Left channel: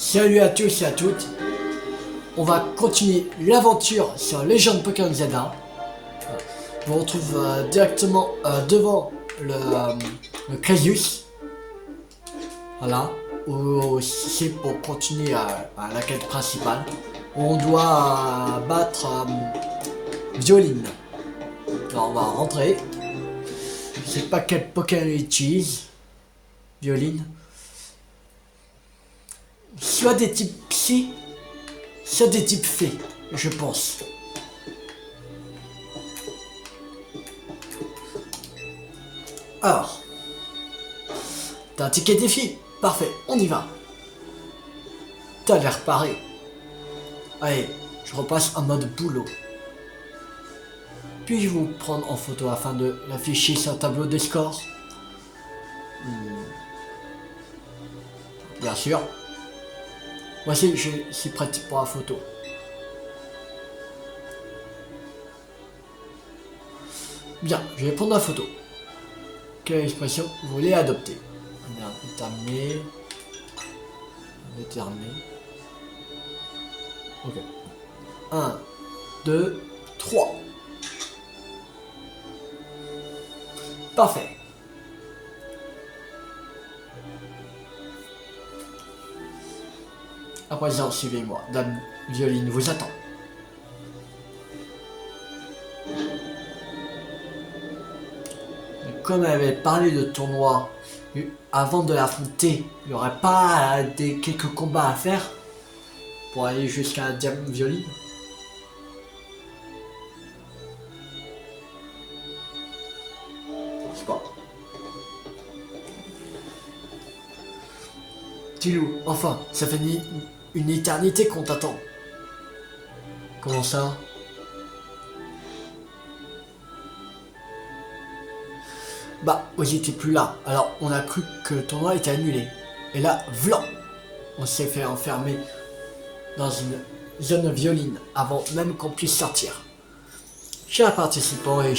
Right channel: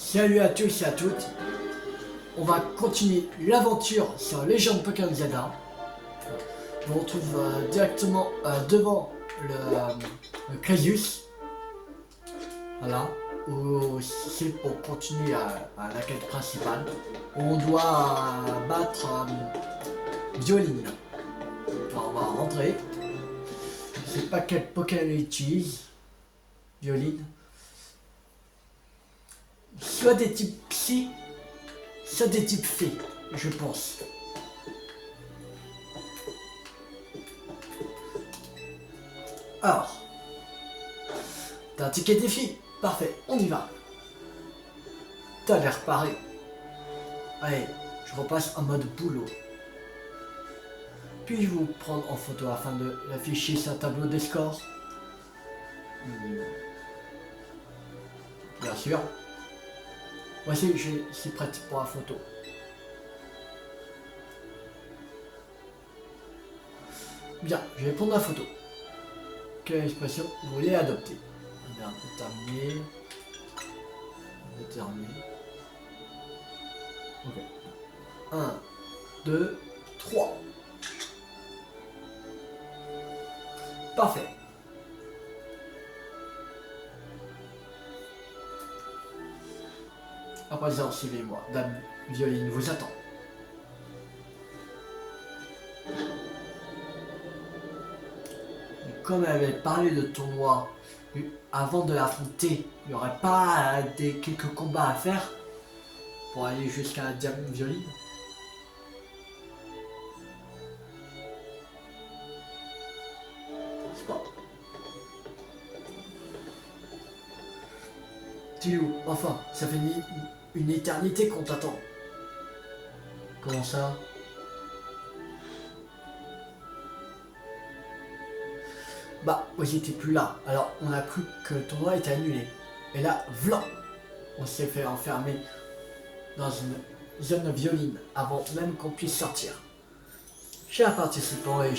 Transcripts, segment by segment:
Salut à tous et à toutes. On va continuer l'aventure sur Legend Pokémon Zelda. On se retrouve directement devant le Crésus. Voilà. Où c'est pour continuer à la quête principale. On doit battre Violine. Alors on va rentrer. Je sais pas quel Pokémon il utilise. Violine. Soit des types psy, soit des types fées, je pense. Alors, t'as un ticket défi, parfait, on y va. T'as l'air paré. Allez, je repasse en mode boulot. Puis-je vous prendre en photo afin de l'afficher sur un tableau de score? Bien sûr. Voici, je suis prête pour la photo. Bien, je vais prendre la photo. Quelle expression vous voulez adopter? Bien, déterminer. Déterminer. Ok. 1, 2, 3. Parfait. À présent, suivez-moi. Dame Violine vous attend. Comme elle avait parlé de tournoi avant de l'affronter, il n'y aurait pas quelques combats à faire pour aller jusqu'à Dame Violine. Je sais pas. Tilou, enfin, ça fait une éternité qu'on t'attend. Comment ça? Bah, moi j'étais plus là, alors on a cru que le tournoi était annulé. Et là, v'là, on s'est fait enfermer dans une zone violine avant même qu'on puisse sortir. Chers participants et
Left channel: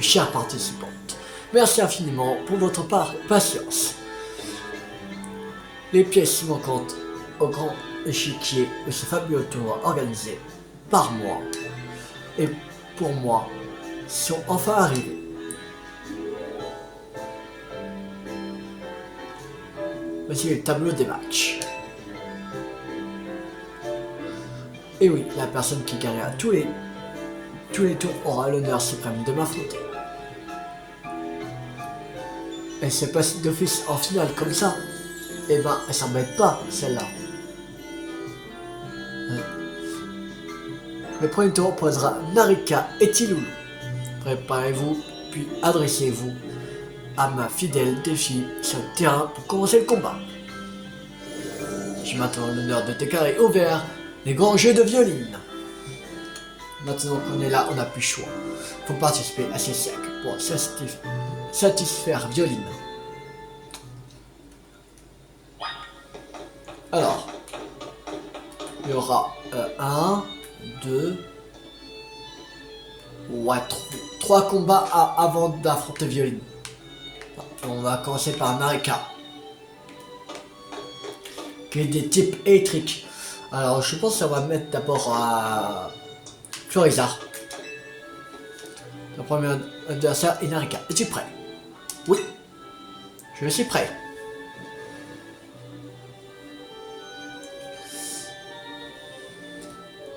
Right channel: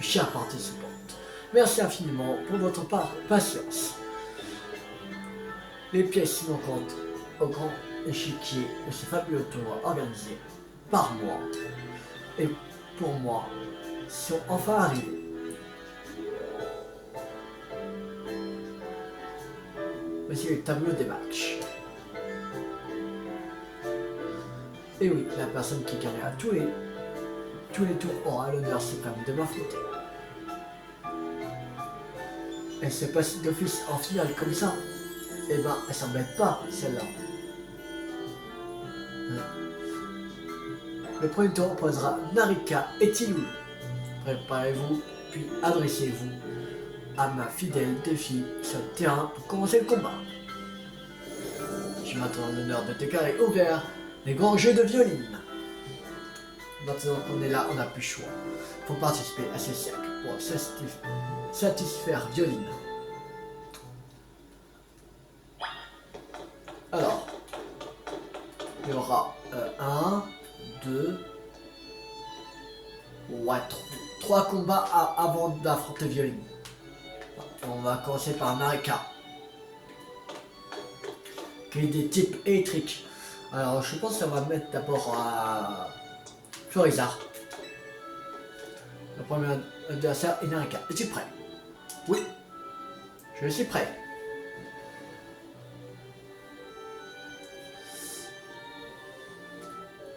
chères participantes, merci infiniment pour votre patience. Les pièces manquantes au grand échiquier de ce fabuleux tournoi organisé par moi et pour moi sont enfin arrivées. Voici le tableau des matchs. Et oui, la personne qui gagnera tous les tours aura l'honneur suprême de m'affronter. Elle se passe d'office en finale comme ça. Eh ben, elle s'embête pas, celle-là. Le premier tour posera Narika et Tilou. Préparez-vous, puis adressez-vous à ma fidèle défi sur le terrain pour commencer le combat. Je m'attends l'honneur de déclarer ouvert les grands jeux de violine. Maintenant qu'on est là, on n'a plus le choix. Faut participer à ces cercles pour satisfaire Violine. Alors, il y aura 1, 2, ouais, 3 combats avant d'affronter Violine. On va commencer par Narika, qui est des types électriques. Alors, je pense qu'on va mettre d'abord à Florizard. Le premier adversaire est Narika. Es-tu prêt? Oui, je suis prêt.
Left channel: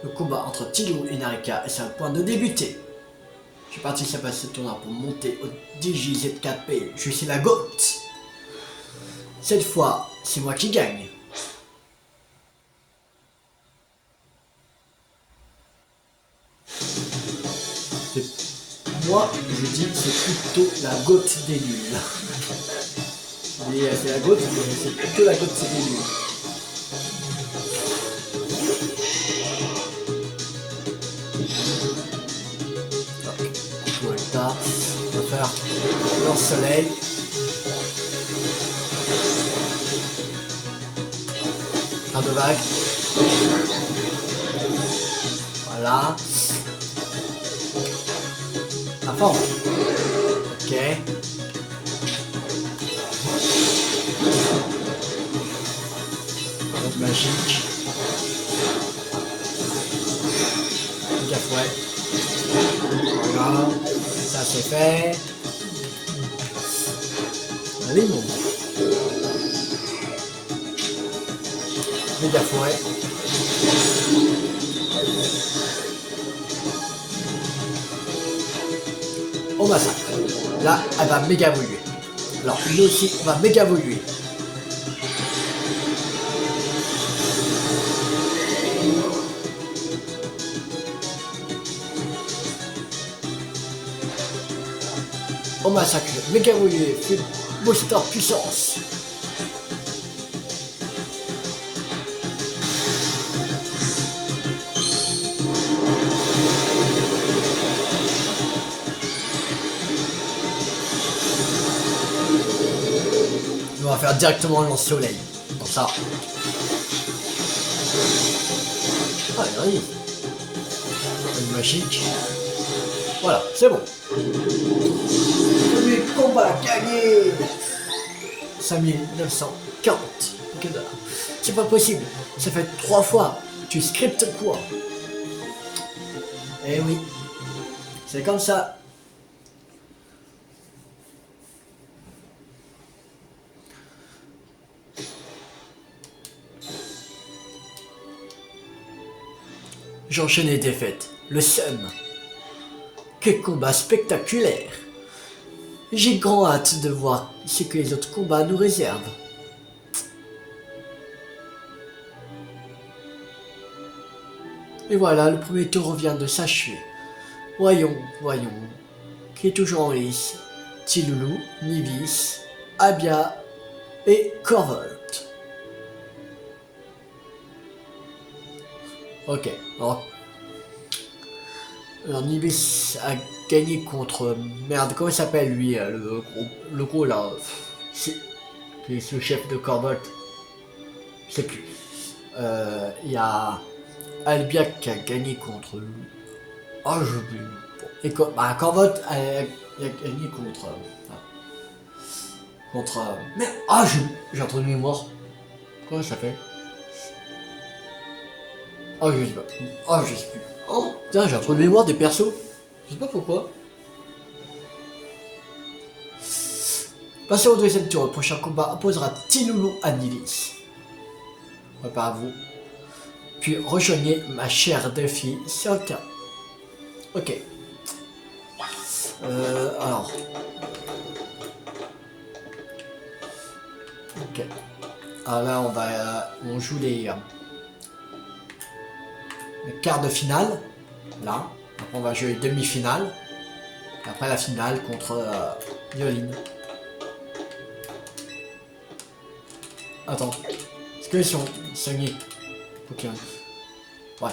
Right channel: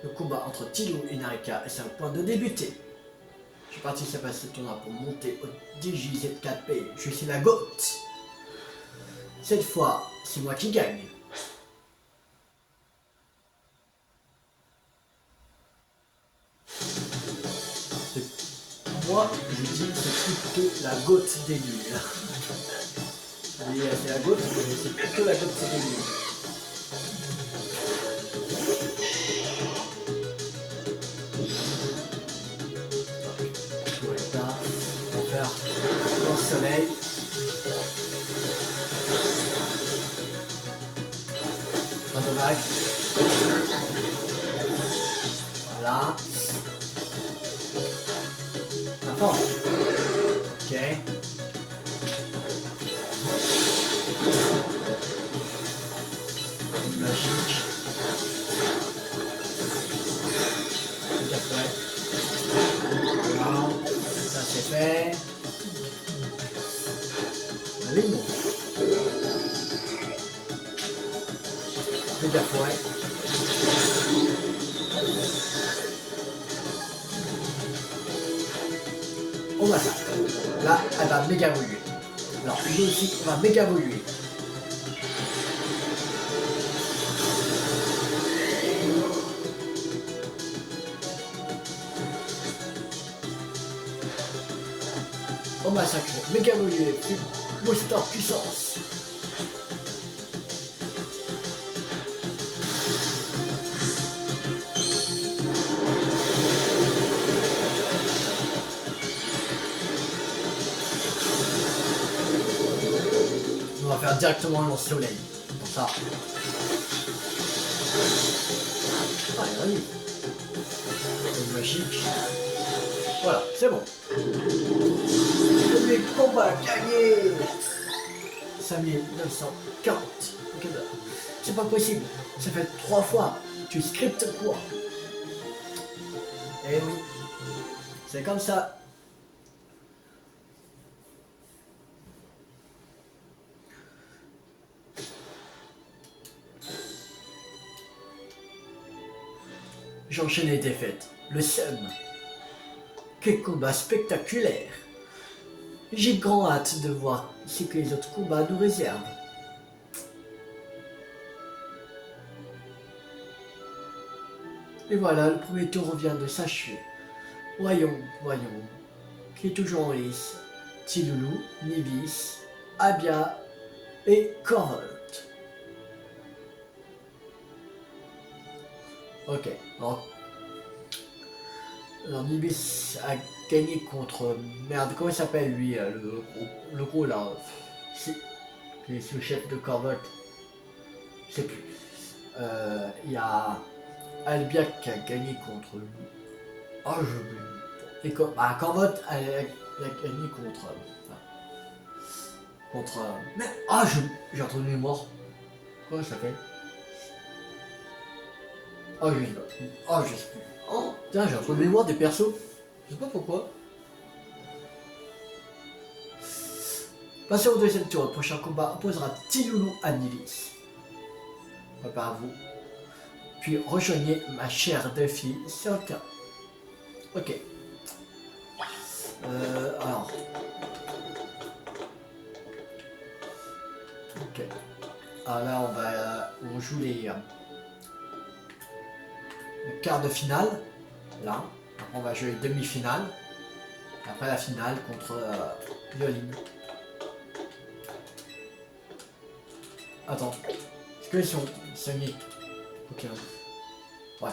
Le combat entre Tilou et Narika est sur le point de débuter. Je participe à ce tournoi pour monter au DJZ4P. Je suis la GOAT. Cette fois, c'est moi qui gagne. Moi, je dis que c'est plutôt la GOAT des nuls. Oui, c'est la GOAT, mais c'est plutôt la GOAT des nuls. On va faire leur soleil. Un de vague. Voilà. À fond. Ok. magique. Méga fouet. Voilà, ça c'est fait. Limon. Méga fouet. Au massacre. Là, elle va méga évoluer. Alors, nous aussi, on va méga évoluer. Au massacre, méga évoluer, booster puissance. On va faire directement le lance-soleil. Comme ça. Ah, il y a une magique. Voilà, c'est bon. Premier combat gagné. 5940. Ok, c'est pas possible. Ça fait 3 fois. Tu scriptes quoi? Eh oui. C'est comme ça. J'enchaîne les défaites. Le seum. Quel combat spectaculaire. J'ai grand hâte de voir ce que les autres combats nous réservent. Et voilà, le premier tour vient de s'achever. Voyons. Qui est toujours en lice? Tiloulou, Nivis, Abia et Corvolt. Ok, alors Nivis a gagné contre... Merde, comment il s'appelle lui, le gros là? C'est le chef de Corvolt. Je sais plus. Il y a Albia qui a gagné contre lui. Oh, je... Et Corvolt a gagné contre... Merde, ah, j'ai un trou de mémoire. Comment ça s'appelle? Oh, je sais pas. Oh, je sais plus. Oh, tiens, j'ai un trou de mémoire des persos. Je sais pas pourquoi. Passez au deuxième tour. Le prochain combat opposera Tiloulou à Nilis. Préparez-vous. Puis rejoignez ma chère Delphi sur le terrain. Ok. Alors. Ok. Alors là, on joue les quarts de finale. Là. Après, on va jouer les demi-finales. Après la finale contre Violine. Attends. Est-ce qu'ils sont soignés? Ok. Ouais.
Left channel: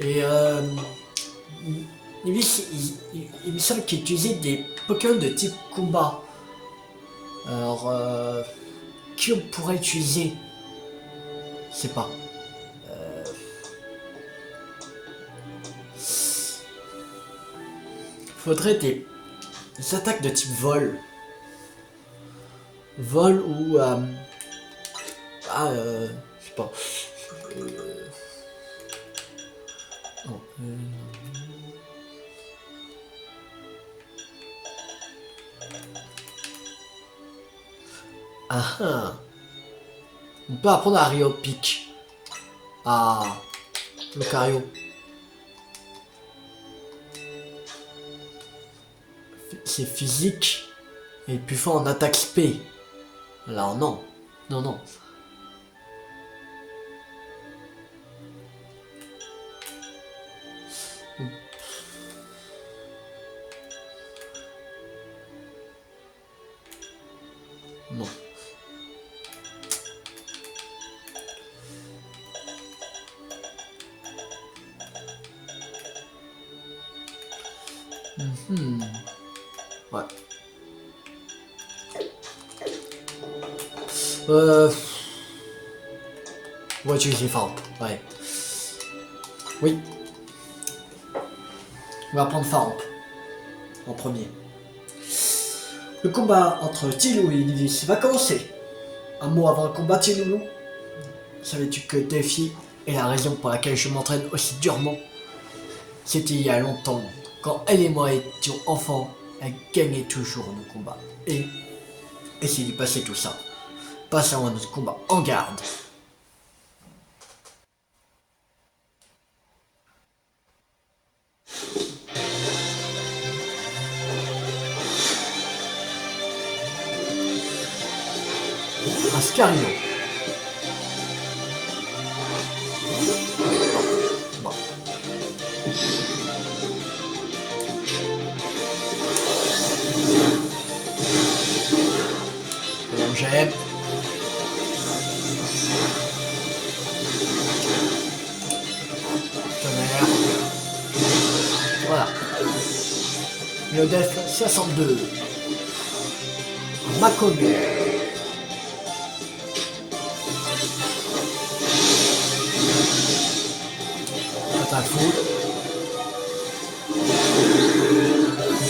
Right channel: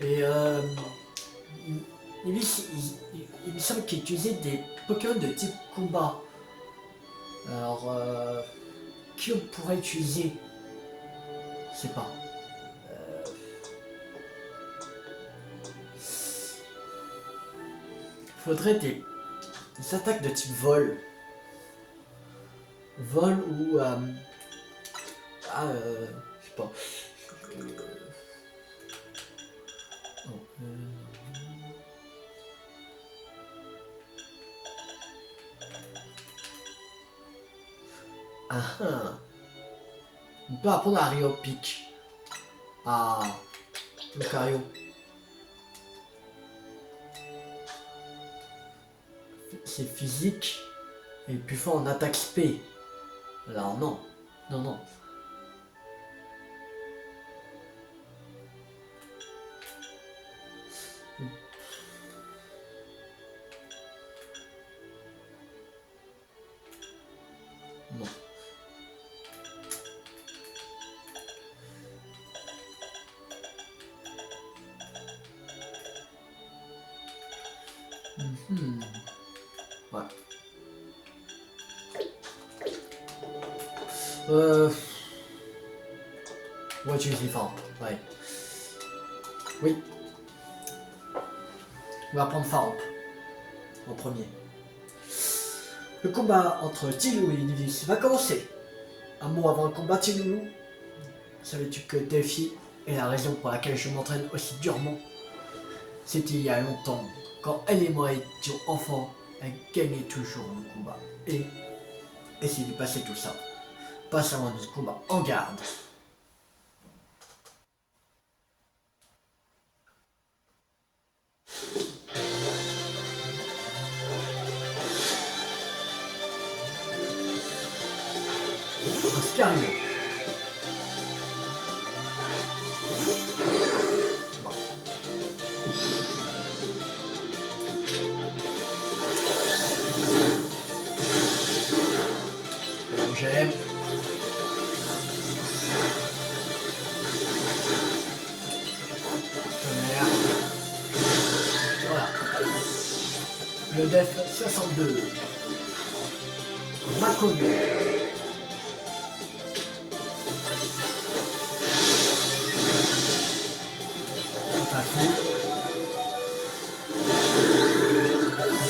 Et il me semble qu'il utilisait des Pokémon de type combat. Alors, qui on pourrait utiliser? Je sais pas. Faudrait des attaques de type vol. Vol ou... je sais pas. Oh, Ah ah. On peut apprendre à Rio Pic. Ah. Lucario. C'est physique. Et plus fort en attaque spé. Alors non. Non, non. Non. Ouais. On va utiliser Farm. Ouais. Oui. On va prendre Farm en premier. Le combat entre Tilou et Nivis va commencer. Un mot avant le combat, Tiloulou. savais-tu que Delphi est la raison pour laquelle je m'entraîne aussi durement? C'était il y a longtemps, quand elle et moi étions enfants, elle gagnait toujours nos combats. Et c'est d'y passer tout ça. Passons à notre combat en garde. Ascario. Bon. J'aime. Tonnerre. Voilà. Le Def 62. Macombier. Pas fou.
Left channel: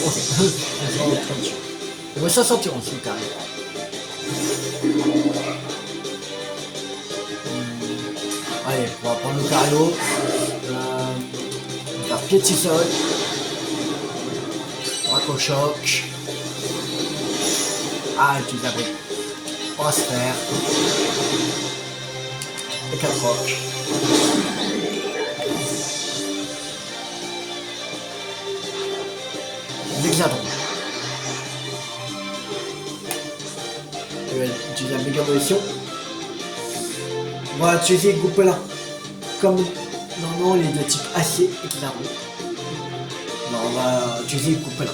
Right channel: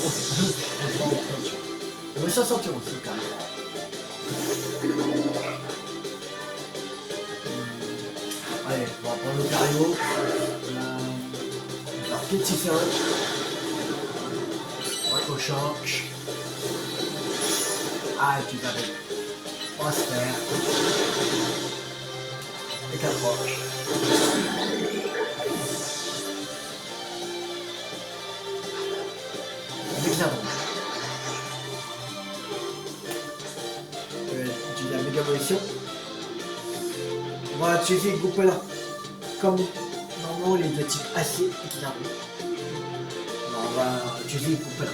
Ok. Je vais en train de tuer. Il va s'en sortir aussi quand même. Allez, on va prendre le Cario. On va faire pied de sol. Racochoc. Ah, tu l'avais. On va se faire. Et 4 rocs. L'Hexadron. Je vais utiliser la méga munition. On va utiliser le Goupelin. Comme normalement les deux types acier et Hexadron. Alors on va utiliser le Goupelin.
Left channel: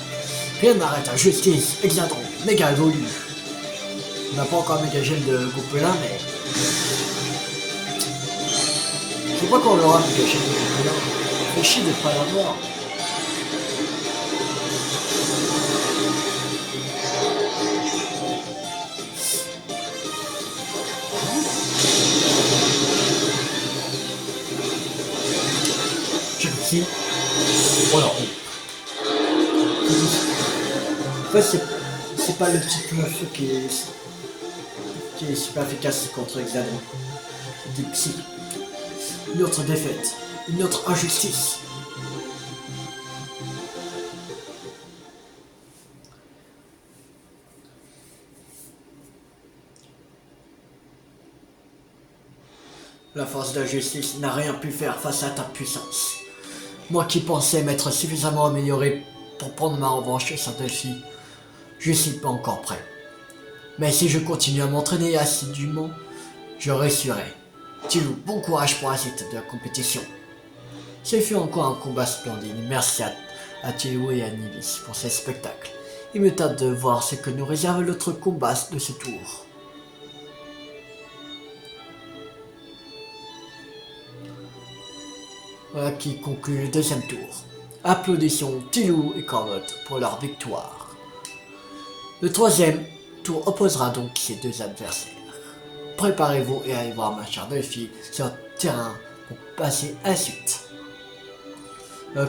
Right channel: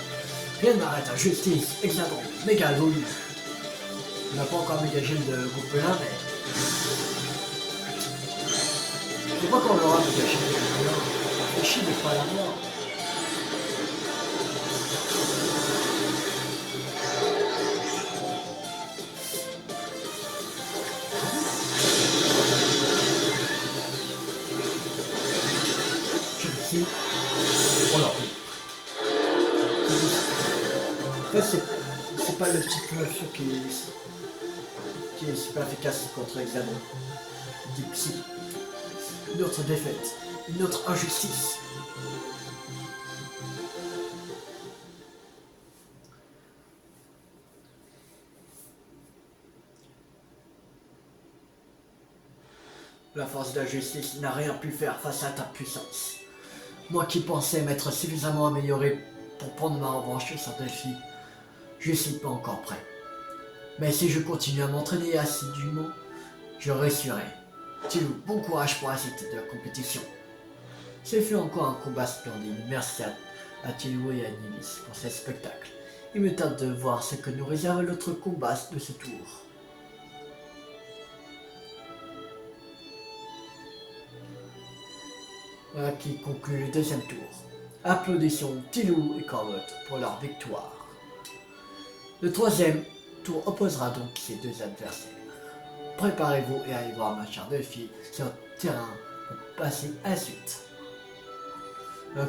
Rien n'arrête à justice, Hexadron, méga évolue. On n'a pas encore méga gemme de Goupelin, mais. Je sais pas quand on aura méga gemme de Goupelin. Fait chier de pas l'avoir. Voilà. En fait, c'est pas le petit peu qui est super efficace contre Hexadron. C'est Psy. Une autre défaite, une autre injustice. La force de la justice n'a rien pu faire face à ta puissance. Moi qui pensais m'être suffisamment amélioré pour prendre ma revanche sur Delphi, je suis pas encore prêt. Mais si je continue à m'entraîner assidûment, je réussirai. Tilou, bon courage pour la suite de la compétition. Ce fut encore un combat splendide. Merci à Tilou et à Nilis pour ce spectacle. Il me tarde de voir ce que nous réserve l'autre combat de ce tour. Voilà qui conclut le deuxième tour. Applaudissons Tilou et Corvot pour leur victoire. Le troisième tour opposera donc ces deux adversaires. Préparez-vous et allez voir ma chère Delphi sur le terrain pour passer à la suite.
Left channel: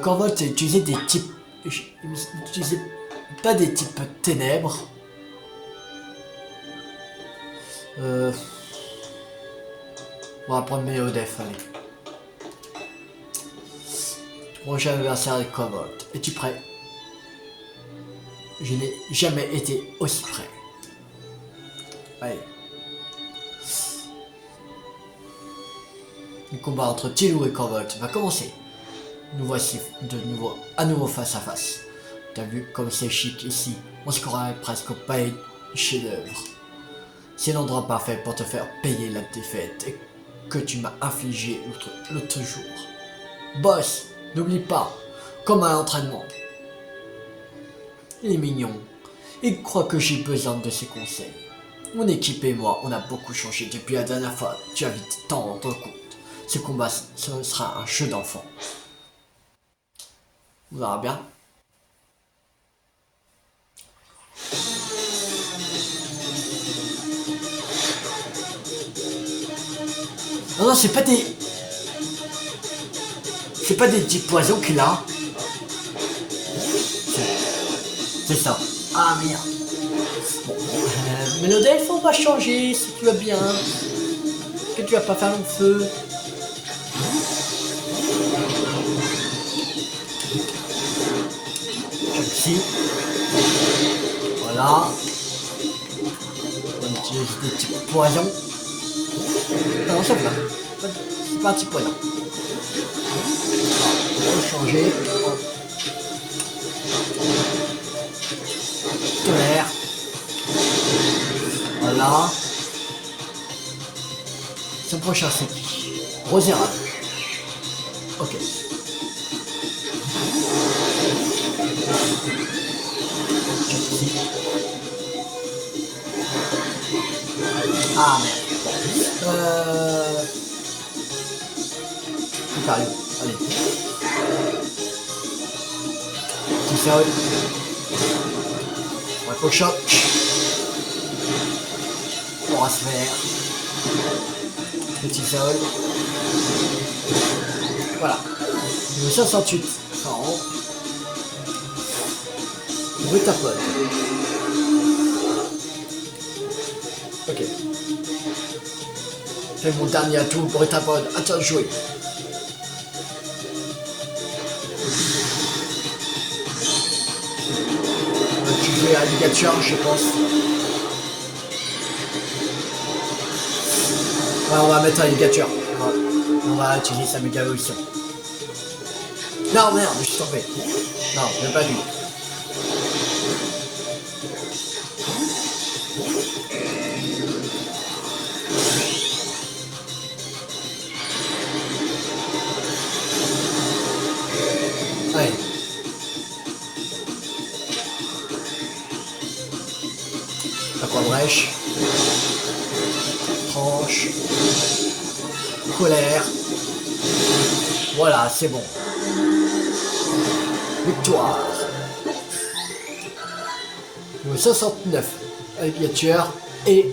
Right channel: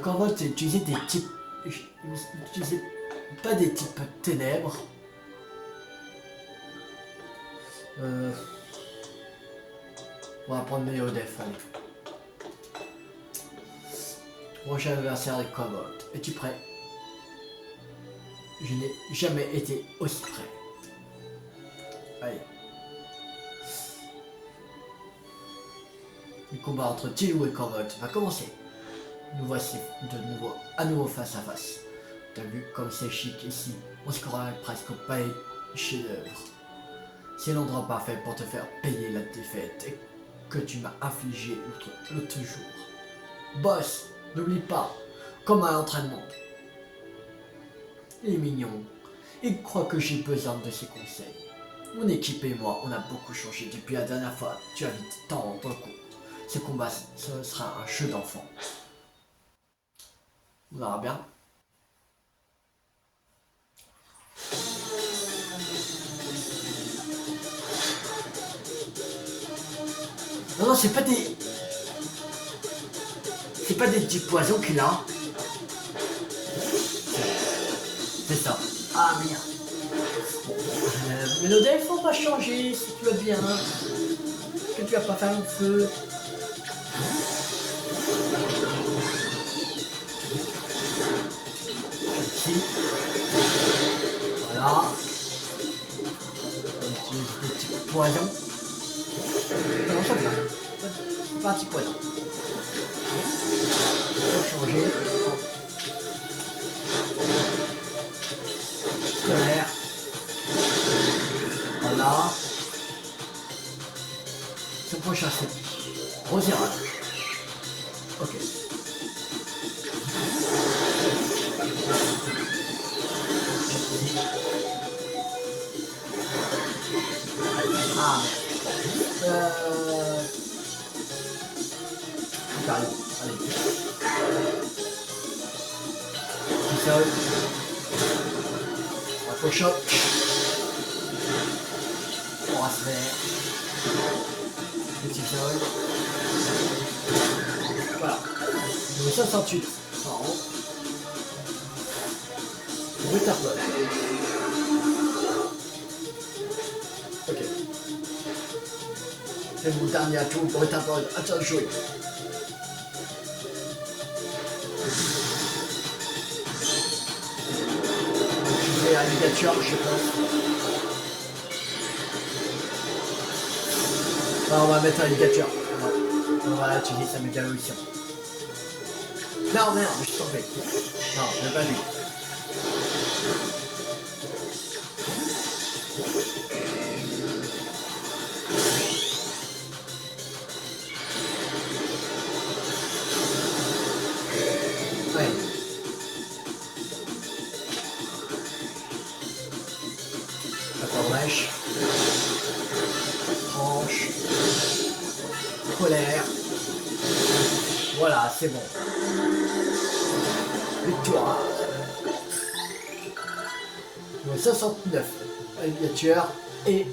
Corvot a utilisé des types. Utilisé pas des types ténèbres. On va prendre Méodef, allez. Prochain adversaire de Corvot. Es-tu prêt? Je n'ai jamais été aussi prêt. Allez. Le combat entre Tilou et Corvot va commencer. Nous voici à nouveau face à face. T'as vu comme c'est chic ici. On se croirait presque au palais du chef-d'œuvre. C'est l'endroit parfait pour te faire payer la défaite que tu m'as infligée l'autre jour. Boss, n'oublie pas, comme à l'entraînement. Il est mignon. Il croit que j'ai besoin de ses conseils. Mon équipe et moi, on a beaucoup changé depuis la dernière fois. Tu as vite t'en rendre compte. Ce combat, ce sera un jeu d'enfant. On verra bien. Non, non, c'est pas des... C'est pas des petits poisons qu'il a. C'est ça. Ah merde. Bon, mais le défaut va changer si tu veux bien. que tu vas pas faire le feu? Ici. Voilà. On utilise des petits poisons. Non, ça va. C'est pas un petit poison. On va changer en tonnerre. Voilà. Son prochain c'est Rosérade. Ok. Ici. Ah merde. Lucario, allez. Petit sérieux. Un cochon. On va se faire. Petit sérieux. Voilà. Niveau 68. Par an. Brutapod. Ok. C'est mon dernier atout, Brutapod. Attends de jouer. On va utiliser Alligator, je pense. Ouais, on va mettre Alligator. On va utiliser sa méga évolution. Non, merde, je suis tombé. Non, même pas lui. Ouais. Aqua brèche. Tranche. Colère. Voilà, c'est bon. Victoire. Niveau 69, Alligator et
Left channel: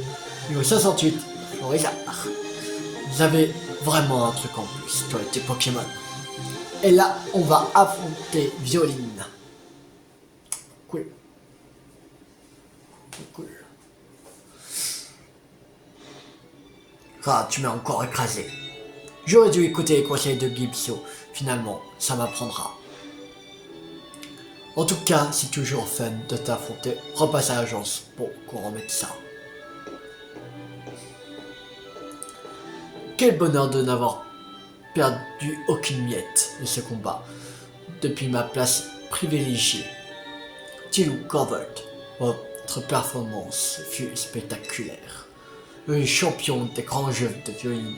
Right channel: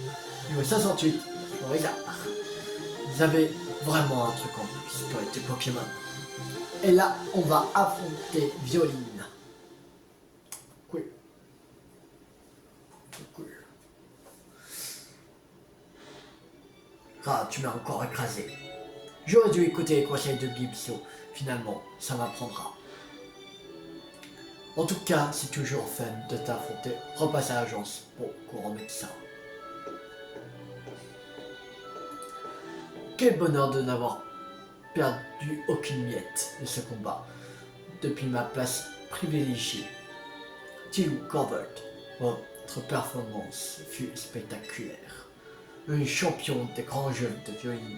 niveau 68, Florizard. Vous avez vraiment un truc en plus, toi et tes Pokémon. Et là, on va affronter Violine. Cool. Cool. Ah, tu m'as encore écrasé. J'aurais dû écouter les conseils de Gipsy. Finalement, ça m'apprendra. En tout cas, c'est toujours fun de t'affronter. Repasse à l'agence pour qu'on remette ça. Quel bonheur de n'avoir perdu aucune miette de ce combat depuis ma place privilégiée. Tilou Covert, votre performance fut spectaculaire. Le champion des grands jeux de violon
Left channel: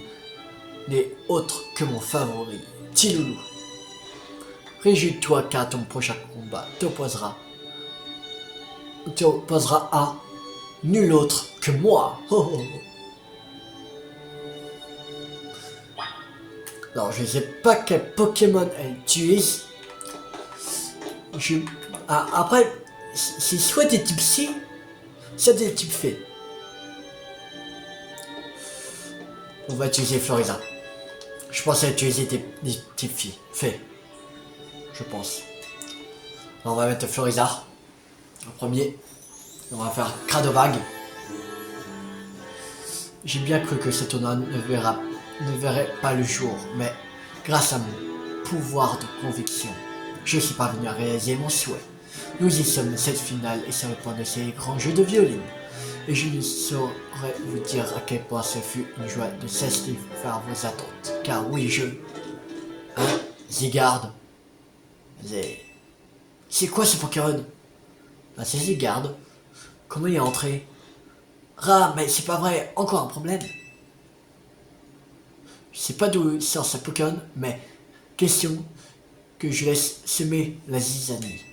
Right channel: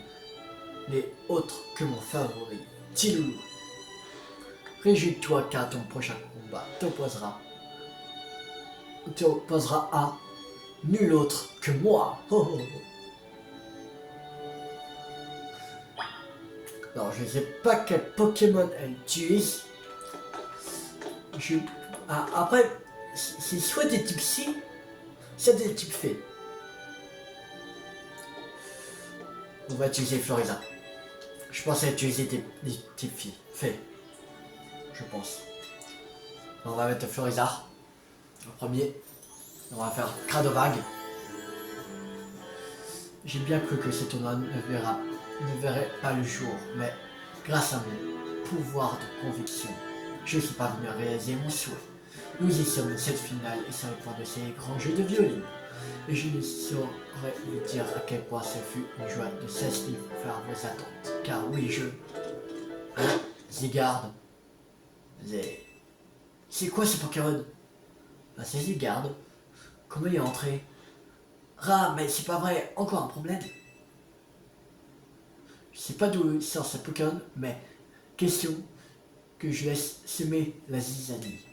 n'est autre que mon favori, Tiloulou. Réjouis-toi qu'à ton prochain combat t'opposera à nul autre que moi. Oh, oh, oh. Alors je sais pas quel Pokémon elle utilise. Après, c'est soit des types C, soit des types Fée. On va utiliser Floriza. Je pensais utiliser des types filles. Fée. Je pense. Alors, on va mettre Floriza en premier. On va faire Cradovague. J'ai bien cru que cet honneur ne verrait pas le jour, mais grâce à mon pouvoir de conviction, je suis parvenu à réaliser mon souhait. Nous y sommes, cette finale est sur le point de ces grands jeux de violon. Et je ne saurais vous dire à quel point ce fut une joie de satisfaire vos attentes. Car oui, Zygarde. C'est quoi ce Pokémon? Bah c'est Zygarde. Comment il est entré? Mais c'est pas vrai, encore un problème. Je sais pas d'où sort ce Pokémon, mais question que je laisse semer la zizanie.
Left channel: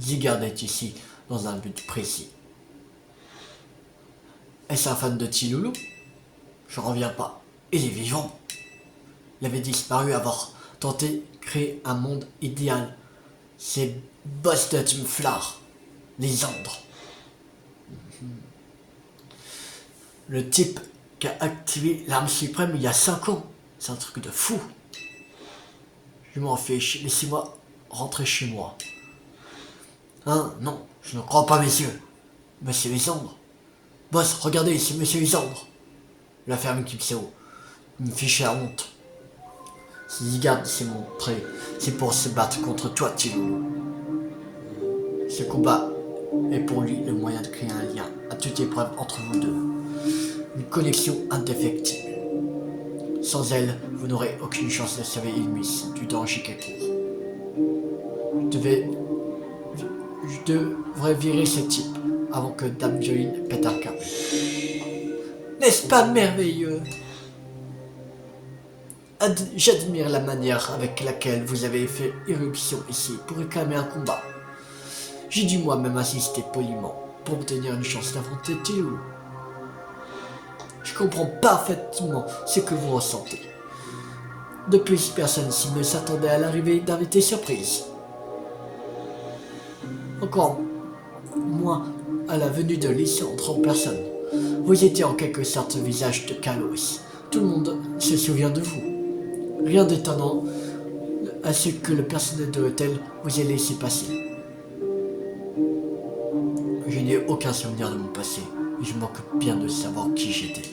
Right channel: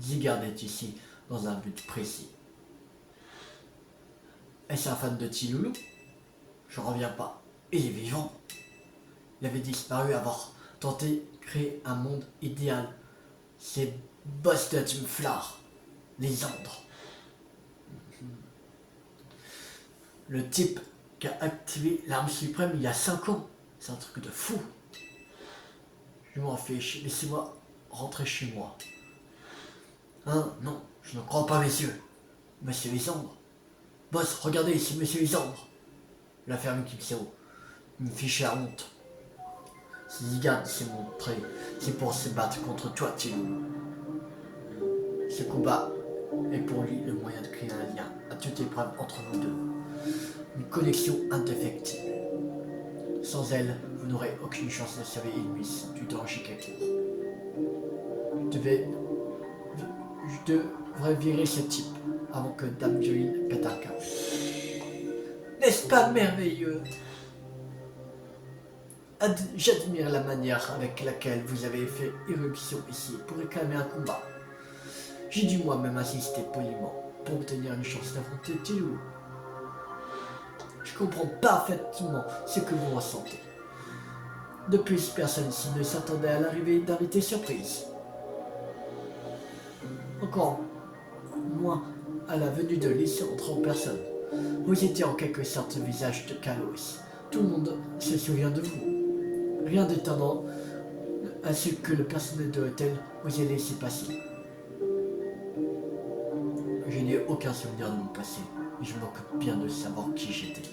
Zygarde est ici dans un but précis. Est-ce un fan de Tiloulou? Je reviens pas. Il est vivant. Il avait disparu avoir tenté de créer un monde idéal. C'est boss de Team Flower, Lysandre. Le type qui a activé l'arme suprême il y a 5 ans. C'est un truc de fou. Je m'en fiche, laissez-moi rentrer chez moi. Non, je ne crois pas mes yeux. Monsieur Lysandre, Boss, regardez, c'est Monsieur Isandre. La ferme Kipseo. Il me fichait à honte. Si Zygarde s'est montré, c'est pour se battre contre toi, Tiloulou. Ce combat est pour lui le moyen de créer un lien à toute épreuve entre vous deux. Une connexion indéfectible. Sans elle, vous n'aurez aucune chance de sauver Ilmus du danger qu'elle court. Je devrais virer ce type avant que Dame Joline pète un câble. N'est-ce pas merveilleux? J'admire la manière avec laquelle vous avez fait irruption ici pour réclamer un combat. J'ai dû moi-même assister poliment pour obtenir une chance d'affronter Théo. Je comprends parfaitement ce que vous ressentez. De plus, personne ici ne s'attendait à l'arrivée d'invités surprises. Encore moins à la venue de Lysandre en personne. Vous étiez en quelque sorte le visage de Kalos. Tout le monde se souvient de vous. Rien d'étonnant à ce que le personnel de l'hôtel vous ait laissé passer. Je n'ai aucun souvenir de mon passé, et je m'occupe bien de savoir qui j'étais.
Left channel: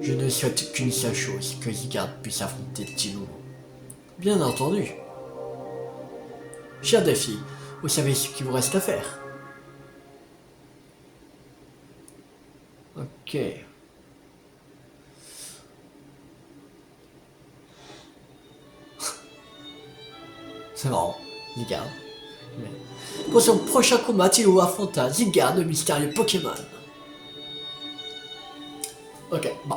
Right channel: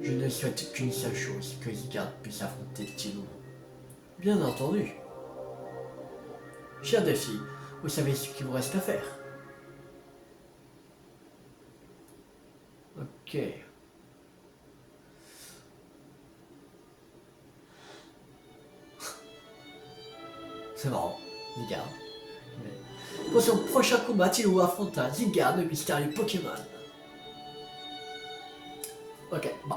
Je ne souhaite qu'une seule chose, que Zygarde puisse affronter Tiloulou. Bien entendu. Cher défi, vous savez ce qu'il vous reste à faire. Ok. C'est marrant, Zygarde. Pour son prochain combat, Tiloulou affronta Zygarde, le mystérieux Pokémon. Ok, bon.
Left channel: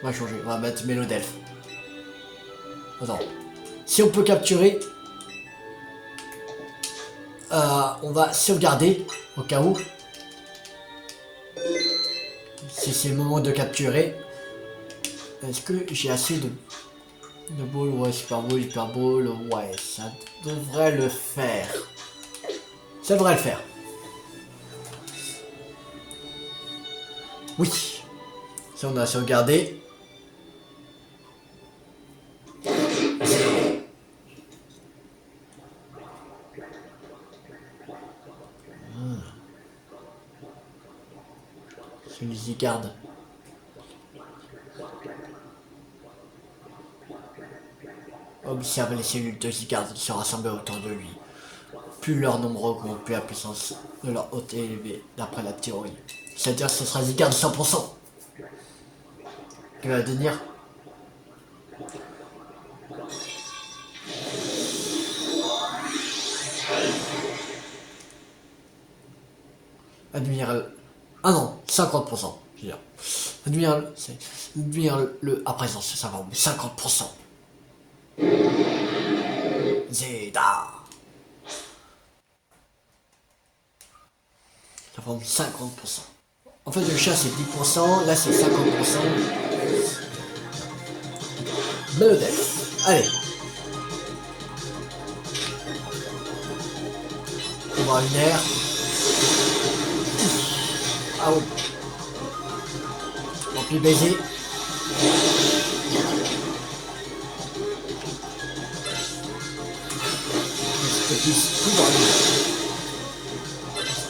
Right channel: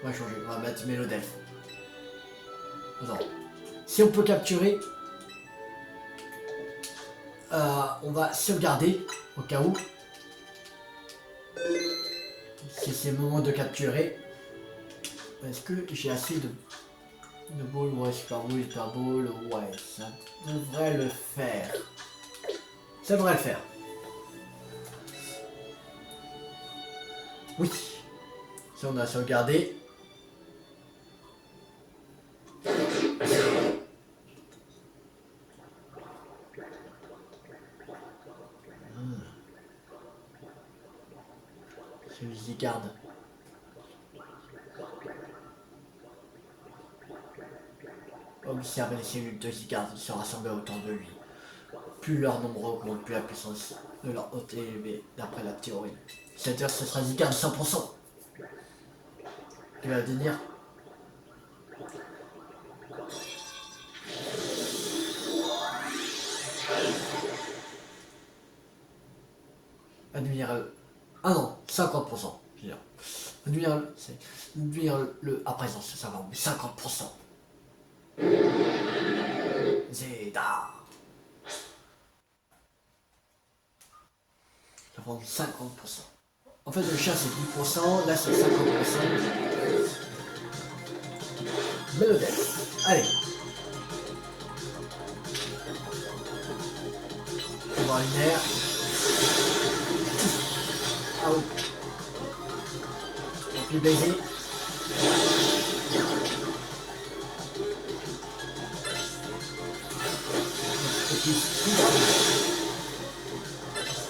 On va changer, on va mettre Mélodelphe. Attends. Si on peut capturer, on va sauvegarder au cas où. Si c'est le moment de capturer. Est-ce que j'ai assez de ball? Ouais, super ball, ouais, ça devrait le faire. Ça devrait le faire. Oui. Si on a sauvegardé. Celui-ci garde. Observe les cellules de Zygarde se rassembler autour de lui. Plus leur nombre augmente, plus la puissance de leur hôte est élevée, d'après la théorie. C'est-à-dire que ce sera Zygarde 100%. Qui va devenir. Admiral. Ah non, 50%. Je veux dire. Admiral le. À présent, c'est 50%. Zeda. Ça forme 50%. En fait, le chat c'est 10%, là c'est 50%. Mélodelphe. Allez. Combat lunaire. Ah oh. Donc lui baiser.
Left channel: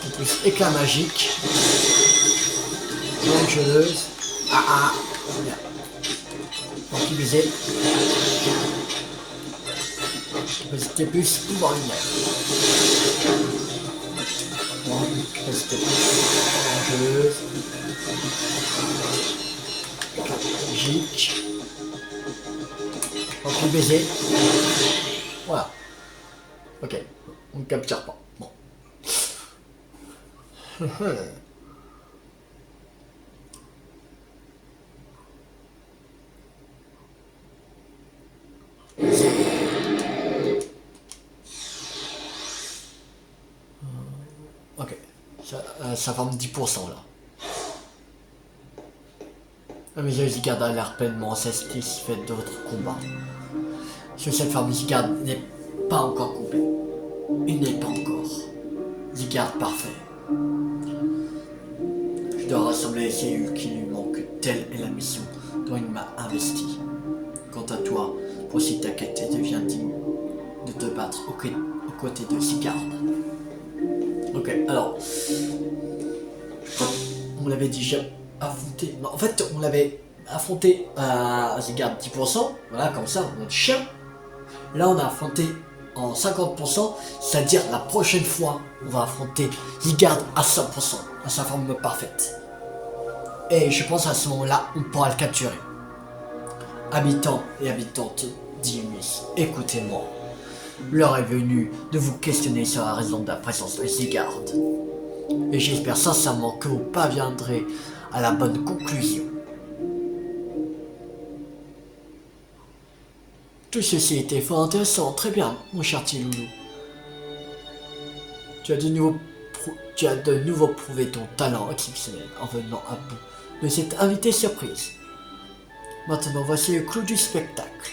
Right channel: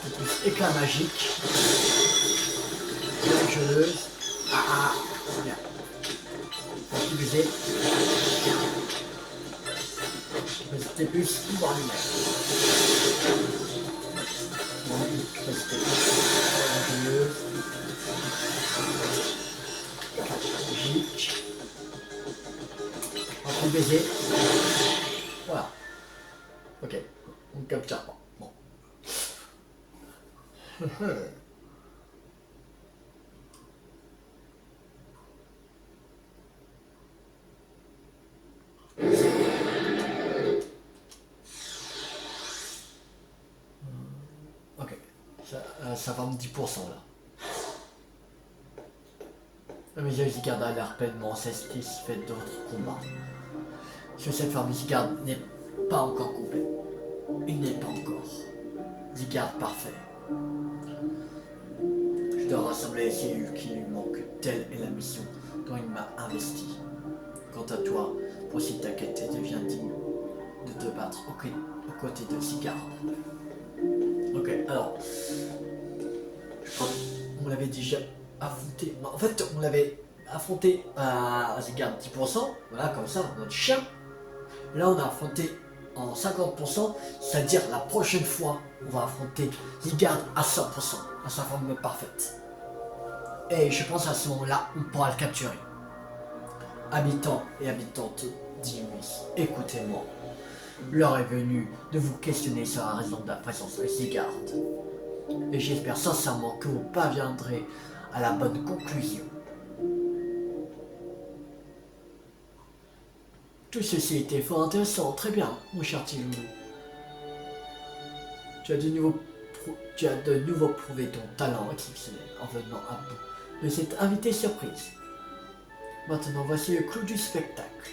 C'était plus éclat magique. Dangereuse. Ah. Bien. Donc lui baiser. C'était plus pouvoir lunaire. C'était plus dangereuse. Magique. Donc lui baiser. Voilà. Ok, on ne capture pas. Bon. Ok, ça forme 10% là. Mais Zygarde a l'air pleinement satisfait d'autres combats. Sur cette forme, Zygarde n'est pas encore complet. Il n'est pas encore. Zygarde parfait. Je dois rassembler les cellules qui lui manquent. Telle est la mission dont il m'a investi. Quant à toi, pour si ta quête devient digne de te battre aux côtés de Sigard. Ok, alors... On l'avait déjà affronté... Non, en fait, on l'avait affronté à Sigard 10%, voilà, comme ça, notre chien. Là, on a affronté en 50%, c'est-à-dire la prochaine fois, on va affronter Sigard à 100%, à sa forme parfaite. Et je pense à ce moment-là, on pourra le capturer. Habitants et habitantes d'Ilmis, écoutez-moi. L'heure est venue de vous questionner sur la raison de la présence de Sigard. Et j'espère sincèrement que vous parviendrez à la bonne conclusion. Tout ceci était fort intéressant, très bien, mon cher petit loulou. Tu as de nouveau prouvé ton talent exceptionnel en venant à bout de cette invitée surprise. Maintenant, voici le clou du spectacle.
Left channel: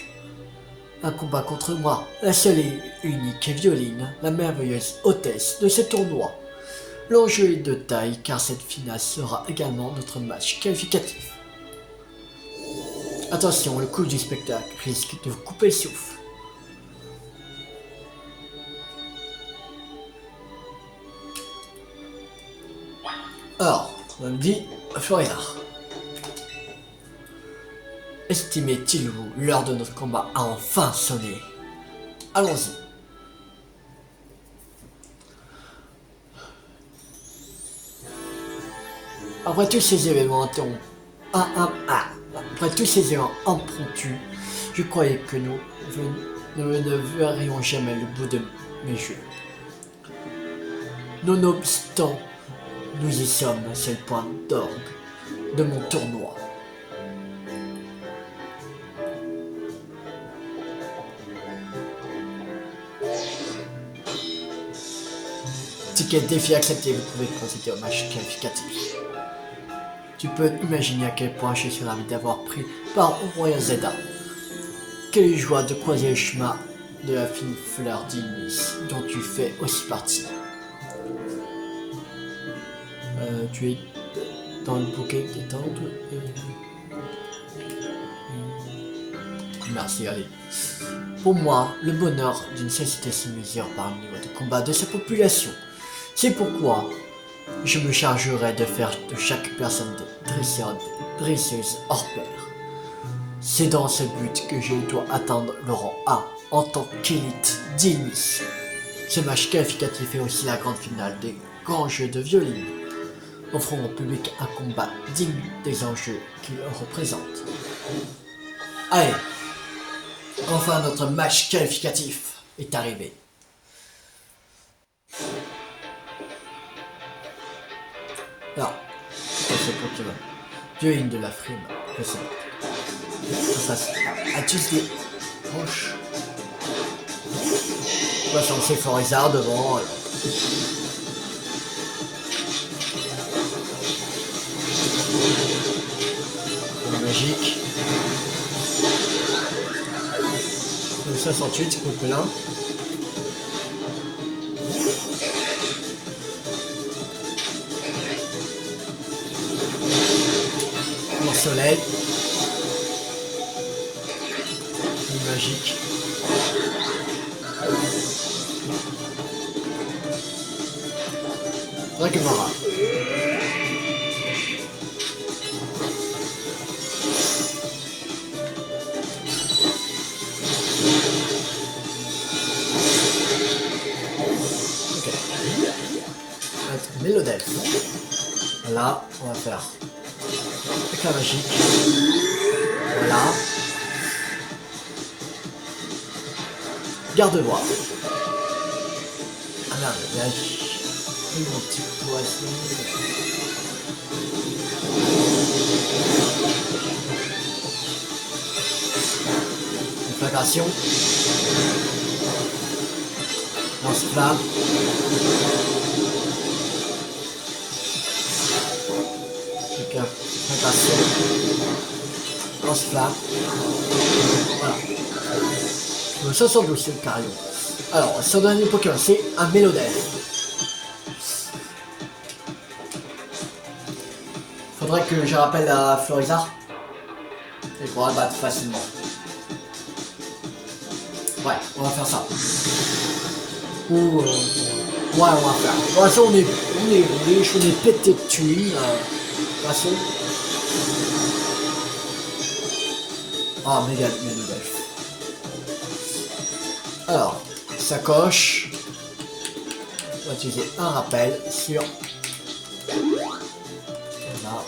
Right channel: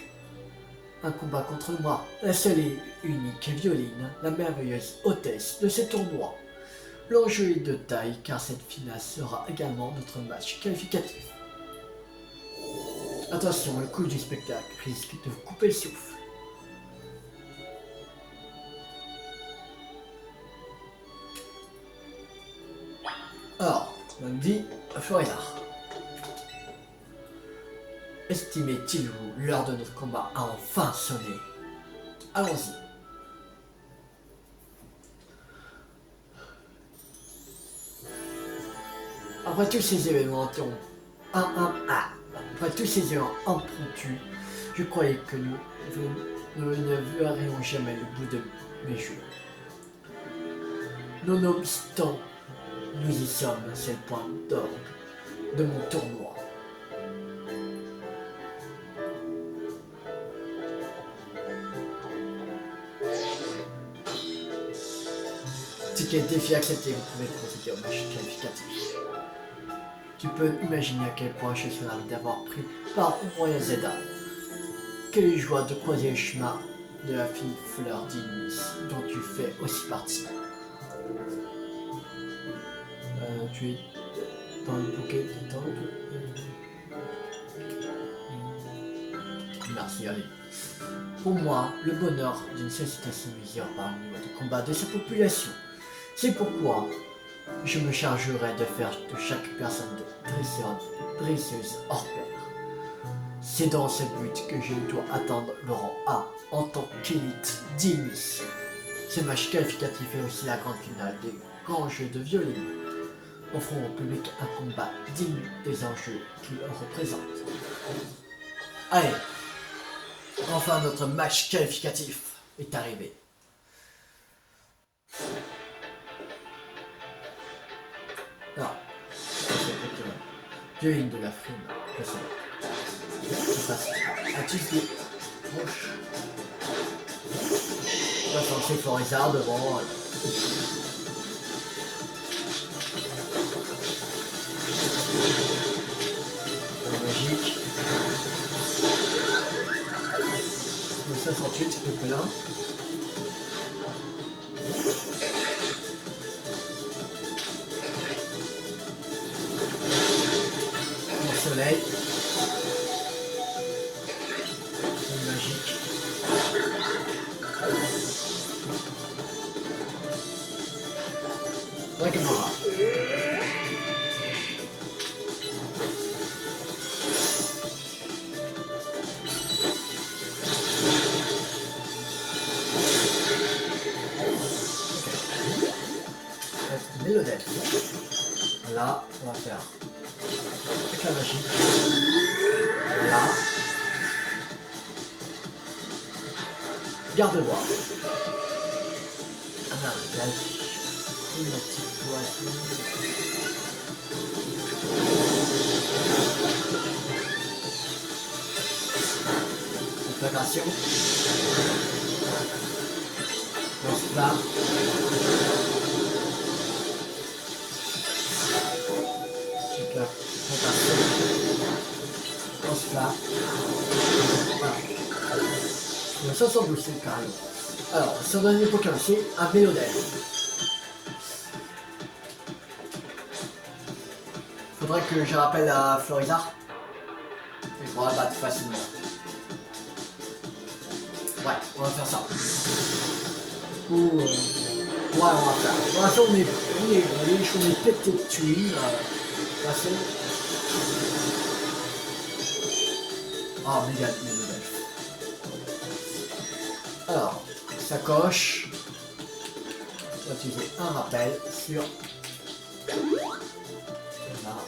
Un combat contre moi, la seule et unique Violine, la merveilleuse hôtesse de ce tournoi. L'enjeu est de taille car cette finale sera également notre match qualificatif. Attention, le coup du spectacle risque de vous couper le souffle. Alors, on me dit Florizard. Estimez-il-vous, l'heure de notre combat a enfin sonné. Allons-y. Après tous ces événements après tous ces événements impromptus, je croyais que nous ne verrions jamais le bout de mes jeux. Nonobstant, nous y sommes, c'est le point d'orgue de mon tournoi. Ticket défi accepté, vous pouvez procéder au match qualificatif. Tu peux imaginer à quel point je suis ravi d'avoir pris part au Royal Zelda. Quelle joie de croiser le chemin de la fine fleur d'Ilmis, dont tu fais aussi partie. Tu es dans le bouquet des tentes. Merci, allez. Pour moi, le bonheur d'une société se mesure par le niveau de combat de sa population. C'est pourquoi je me chargerai de faire de chaque personne de dresseuse hors pair. C'est dans ce but que je dois atteindre le rang A en tant qu'élite d'Ilmis. Ce match qualificatif est aussi la grande finale des grands jeux de Violine. Offrons au public un combat digne des enjeux qu'il représente. Allez, enfin notre match qualificatif est arrivé. Alors, c'est pour que Violine de la frime précédente. As-tu des roches? On va lancer Florizard devant. Magique. 68, Popelin. Mon soleil. Magique. Dragmara. Ok. On va être Mélodel. Voilà, on va faire éclat magique. Voilà. Garde-voix. Ah merde, il y a mon petit poisson. Conflagration. Lance-flamme. Conflagration. Lance-flamme. Voilà. 72, c'est le carillon. Alors, son dernier Pokémon, c'est un Mélodère. Faudrait que je rappelle à Florizard. Il pourra le battre facilement. Ouais, on va faire ça. Ou ouais, on va faire. De toute façon, on est riche, on est pété de thunes. De toute façon. Ah, méga. Alors, sacoche. On va utiliser un rappel sur. Voilà.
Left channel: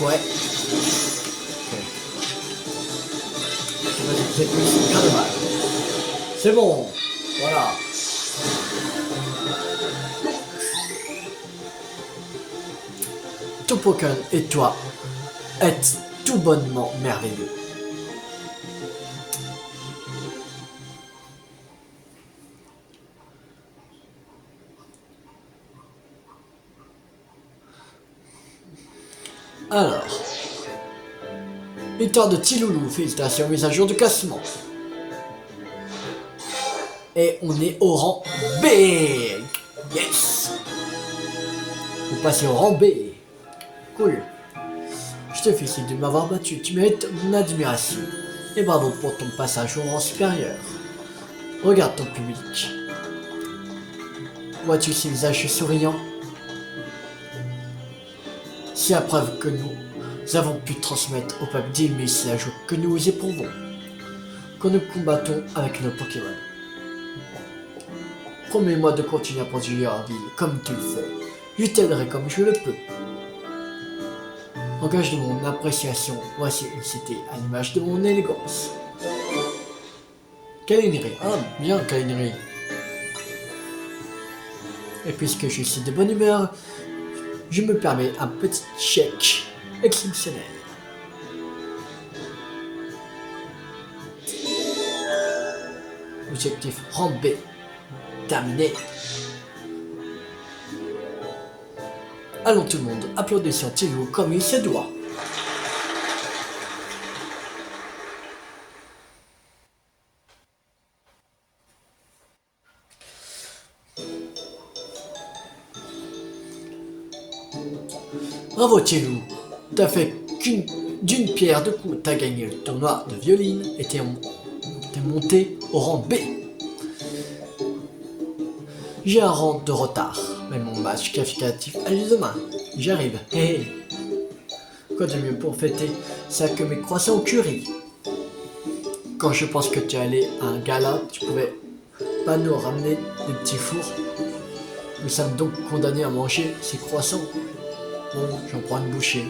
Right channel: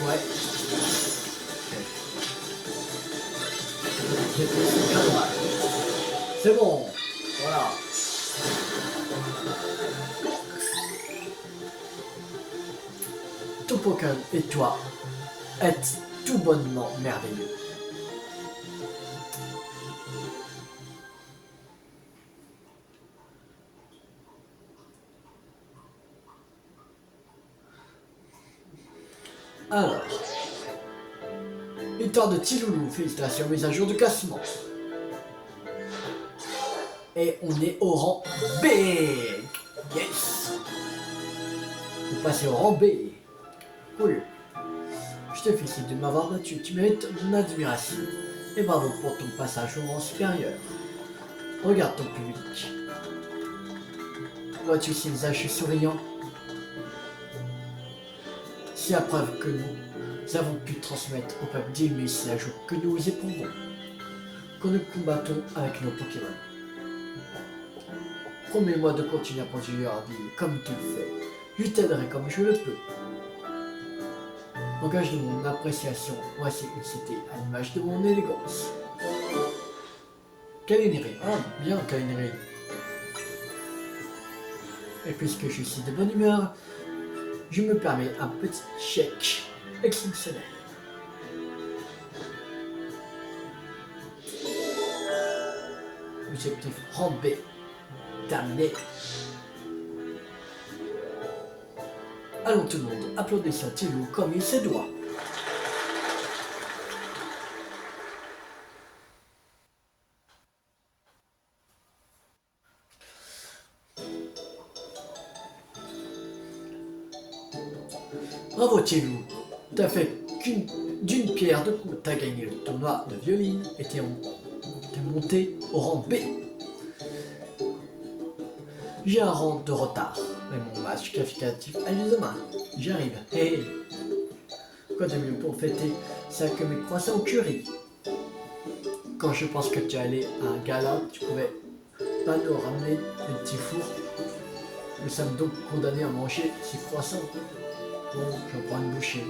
Ouais. Okay. C'est bon. Voilà. Tout Pokémon et toi êtes tout bonnement merveilleux. Alors, victoire de Tiloulou, félicitations, mise à jour de classement. Et on est au rang B. Yes. On passe au rang B. Cool. Je te félicite de m'avoir battu, tu mérites mon admiration. Et bravo pour ton passage au rang supérieur. Regarde ton public. Vois-tu ces visages souriants? C'est la preuve que nous avons pu transmettre au peuple d'Ilmis la joie que nous éprouvons quand nous combattons avec nos Pokémon. Promets-moi de continuer à protéger la ville comme tu le fais. Je t'aiderai comme je le peux. En gage de mon appréciation, voici une cité à l'image de mon élégance. Câlinerie. Ah, bien câlinerie. Et puisque je suis de bonne humeur, je me permets un petit chèque exceptionnel. Objectif rang B. Terminé. Allons tout le monde, applaudissons Tilou comme il se doit. Bravo Tilou, t'as fait d'une pierre deux coups, t'as gagné le tournoi de violine et t'es monté au rang B. J'ai un rang de retard, mais mon match qualificatif a lieu demain. J'arrive, hé hé. Quoi de mieux pour fêter ça que mes croissants au curry? Quand je pense que tu es allé à un gala, tu pouvais pas nous ramener des petits fours. Nous sommes donc condamnés à manger ces croissants. Bon, j'en prends une bouchée.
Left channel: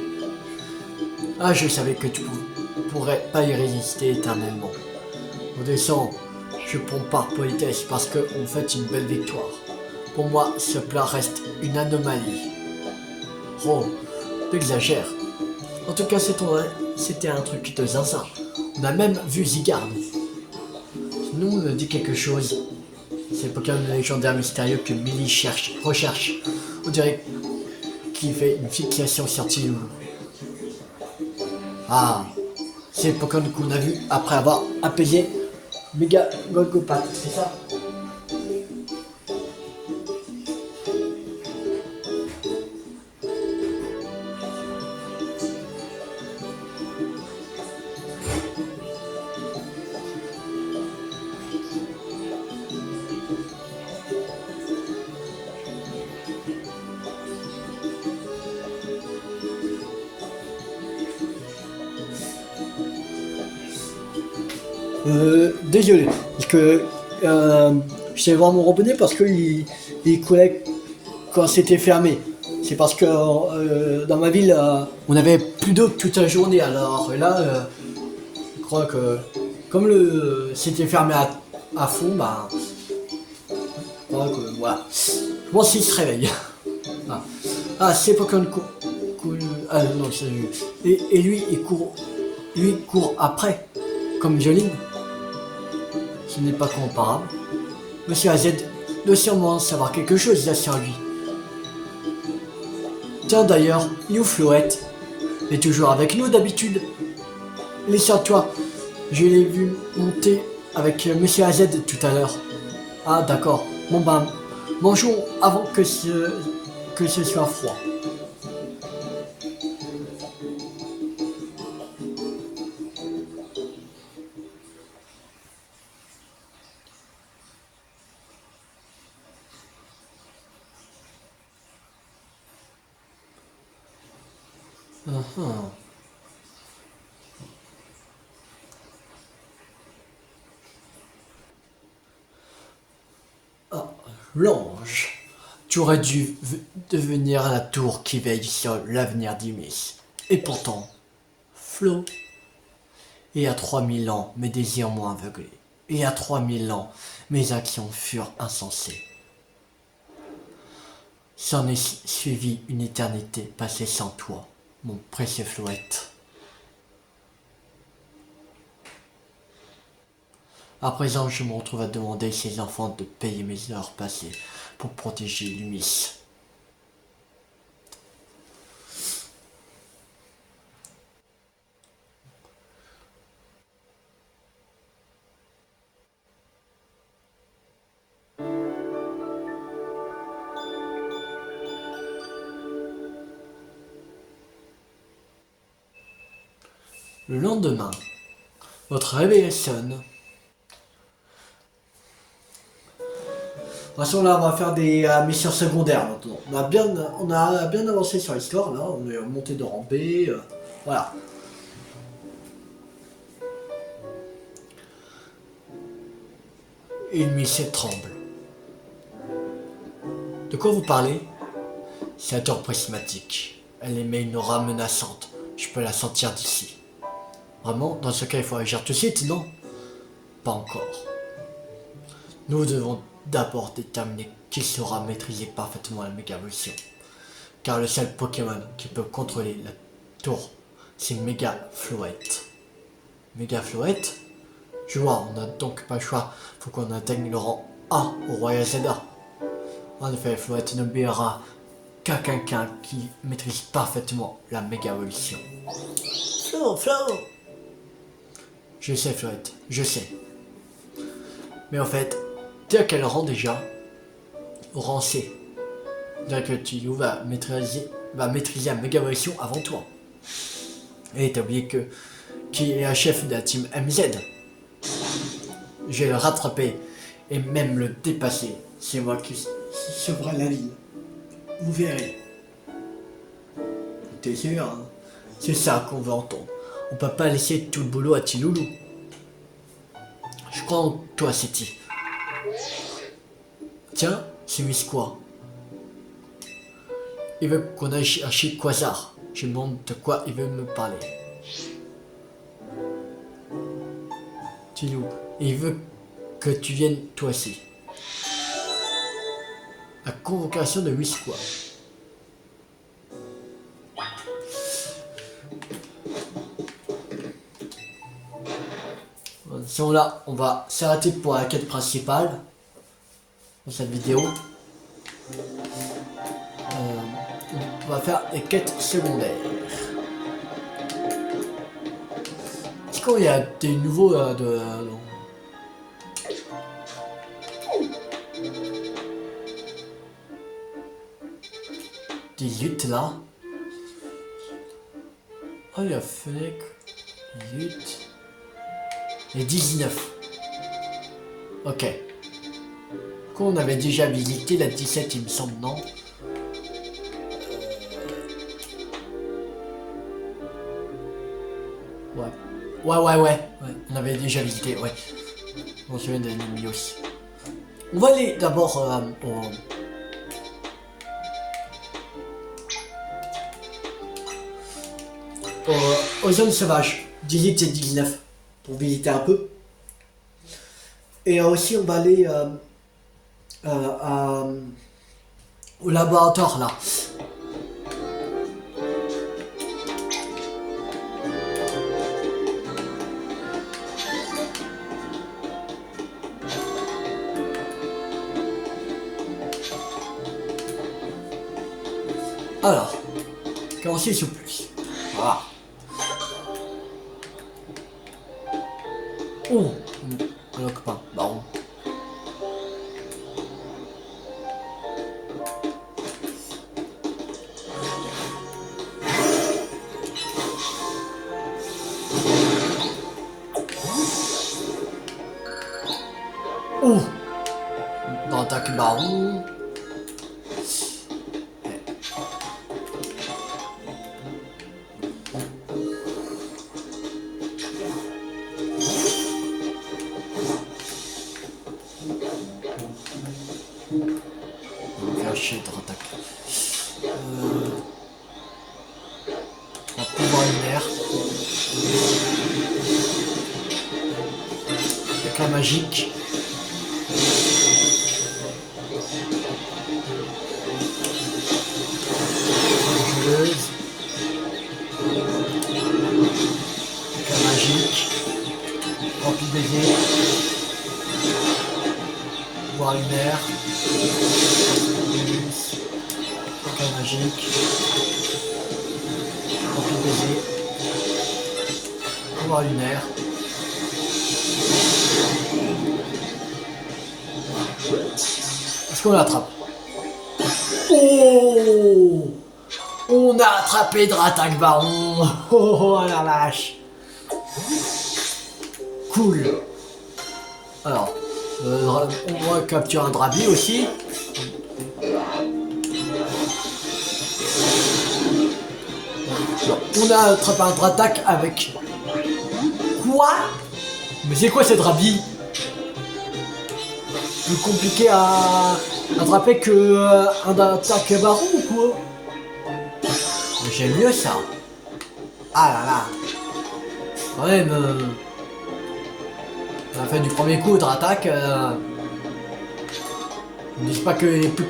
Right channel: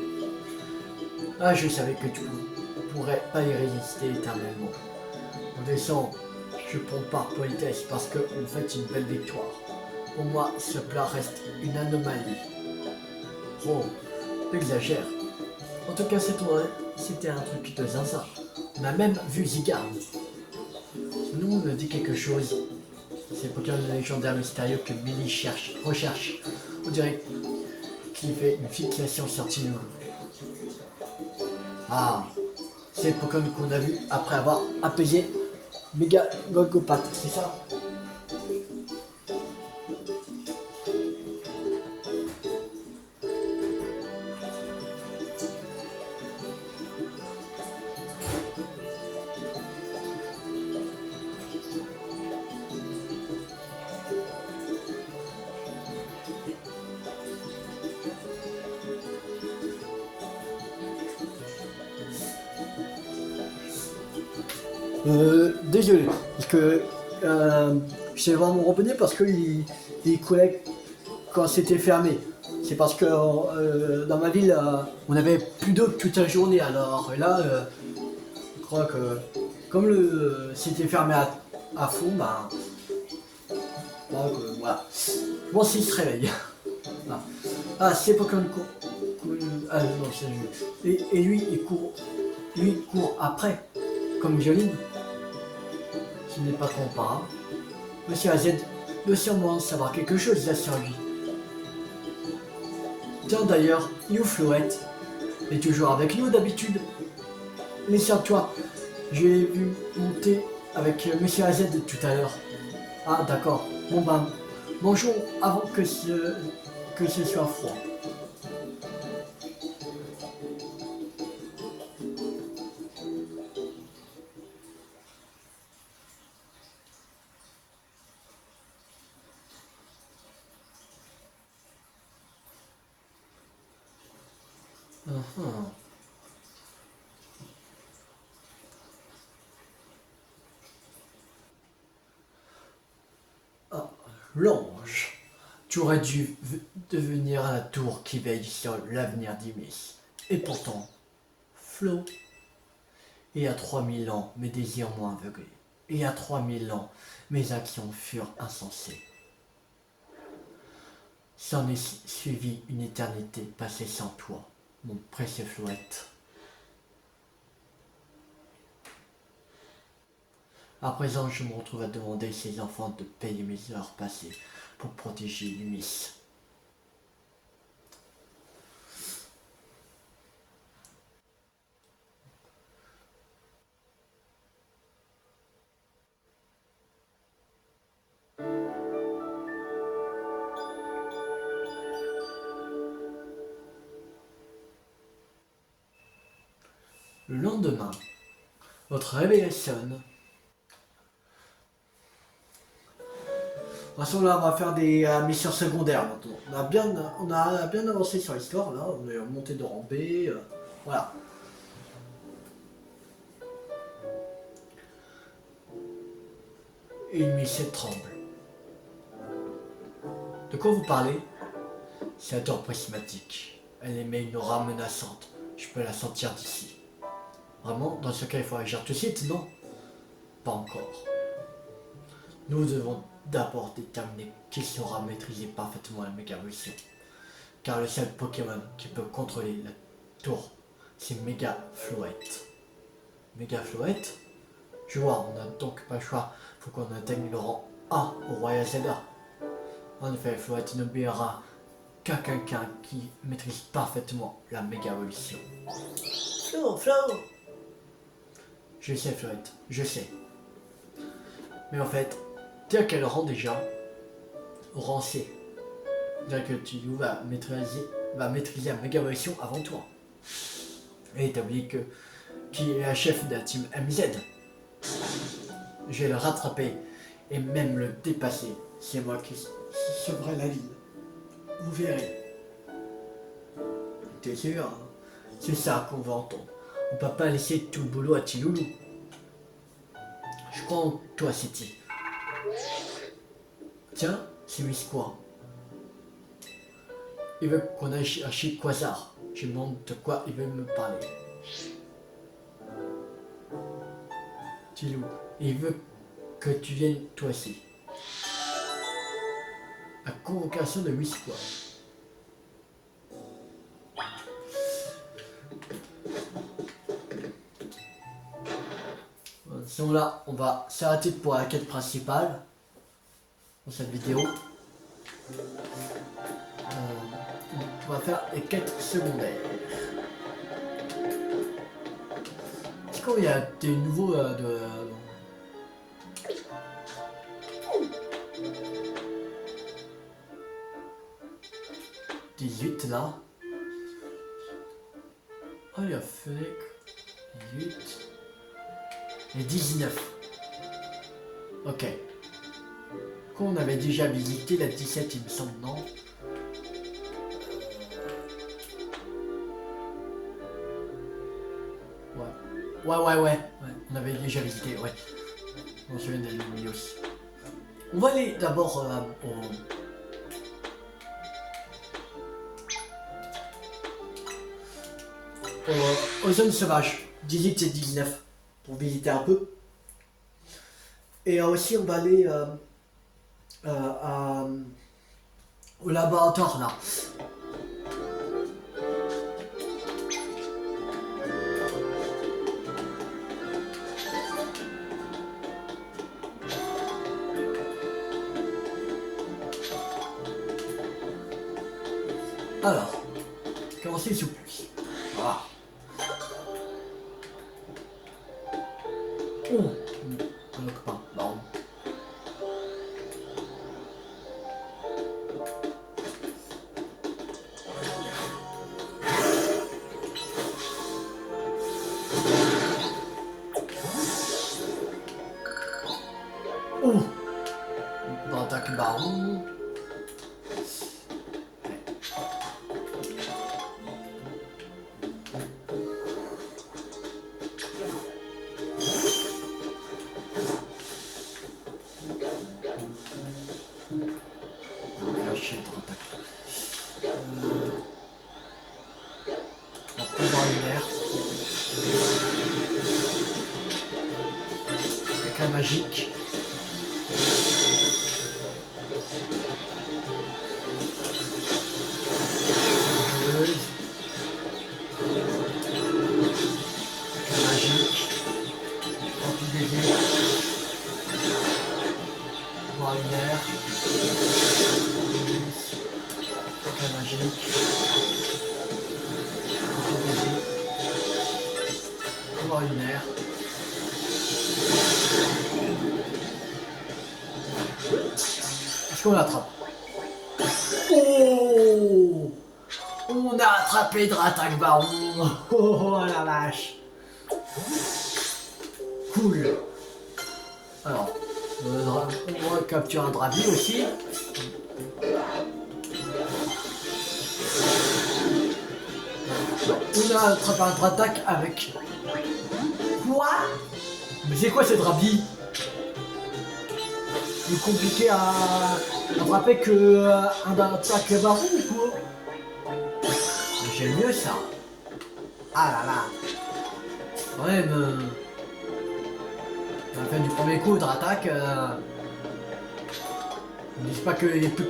Ah, je savais que tu pourrais pas y résister éternellement. On descend, je prends par politesse parce qu'on fait une belle victoire. Pour moi, ce plat reste une anomalie. Oh, t'exagères. En tout cas, c'était un truc de zinzin. On a même vu Zygarde. Sinon, on me dit quelque chose. C'est Pokémon légendaire mystérieux que Millie recherche. On dirait qu'il fait une fixation sur Tilou. Ah, c'est Pokémon qu'on a vu après avoir apaisé Mega Golgopat, c'est ça? Désolé, parce que je sais voir mon robinet parce qu'il coulait quand c'était fermé. C'est parce que dans ma ville, on avait plus d'eau toute la journée. Alors là, je crois que comme c'était fermé à fond, bah, je crois que voilà. Je pense qu'il se réveille. Ah, c'est Pokémon ah non, c'est lui, il court après, comme Violine. Ce n'est pas comparable. Monsieur AZ doit sûrement savoir quelque chose là sur lui. Tiens d'ailleurs, il est où Floette? Il est toujours avec nous d'habitude. Il est sur toi. Je l'ai vu monter avec Monsieur AZ tout à l'heure. Ah d'accord. Bon ben, mangeons avant que ce soit froid. Ah, l'ange. Tu aurais dû devenir la tour qui veille sur l'avenir d'Imis. Et pourtant, Flo. Et à 3000 ans, mes désirs m'ont aveuglé. Et à 3000 ans, mes actions furent insensées. S'en est suivi une éternité passée sans toi, mon précieux Floette. À présent, je me retrouve à demander à ces enfants de payer mes heures passées pour protéger Lumis. Le lendemain, votre réveil sonne. De toute façon, là, on va faire des missions secondaires maintenant. On a bien avancé sur l'histoire, là. On est monté de rang B. Voilà. Une mission tremble. De quoi vous parlez? C'est la tour prismatique. Elle émet une aura menaçante. Je peux la sentir d'ici. Vraiment? Dans ce cas, il faut agir tout de suite, non? Pas encore. Nous devons d'abord déterminer qui saura maîtriser parfaitement la méga-évolution. Car le seul Pokémon qui peut contrôler la tour, c'est Méga Floette. Méga Floette? Je vois, on n'a donc pas le choix. Faut qu'on atteigne le rang A au Royal Zelda. En effet, Floette n'obéira qu'à quelqu'un qui maîtrise parfaitement la méga-évolution. Flo! Je sais, Floette, je sais. Mais en fait, t'es à quel rang déjà? Au rang C. Dire que tu vas maîtriser la méga-évolution avant toi. Et t'as oublié qui est la chef de la team MZ. Je vais le rattraper et même le dépasser. C'est moi qui sauverai la ligne. Vous verrez. T'es sûr, hein? C'est ça qu'on veut entendre. On peut pas laisser tout le boulot à Tiloulou. Je crois en toi, City. Tiens, c'est Miss quoi? Il veut qu'on aille chercher Quasar. Je me demande de quoi il veut me parler. Tilou, il veut que tu viennes toi aussi. La convocation de Wisqua. Sinon là, on va s'arrêter pour la quête principale dans cette vidéo. On va faire les quêtes secondaires. Est-ce qu'il y a des nouveaux de... 18 là. Oh, il y a Fennec. 18. Et 19. Ok. On avait déjà visité la 17, il me semble, non? Ouais. On avait déjà visité, ouais. Je m'en souviens de l'ennemi aussi. On va aller d'abord aux zones sauvages. 18 et 19. Pour visiter un peu. Et aussi, on va aller au laboratoire là. Alors, commencer sous plus. Voilà. Oh, un lock-pain, baron. Oh, dans attaque baron. Caché dans attaque. Un pouvoir lunaire. Avec la magique. Geleuse. Avec la magique. Rempli baiser. Pouvoir lunaire. Avec la magique. Rempli baiser. Pouvoir lunaire. Est-ce qu'on l'attrape? Oh! On a attrapé Dratak Baron! Oh la vache! Cool! Alors, on va capturer un Drabi aussi. On a attrapé un Dratak avec... Quoi? Mais c'est quoi ce Drabi? Plus compliqué à attraper que un Dratak Baron ou quoi? J'aime mieux ça. Ah là là. Quand même, à la fin du premier coup, Dratak, ne dis pas que les plus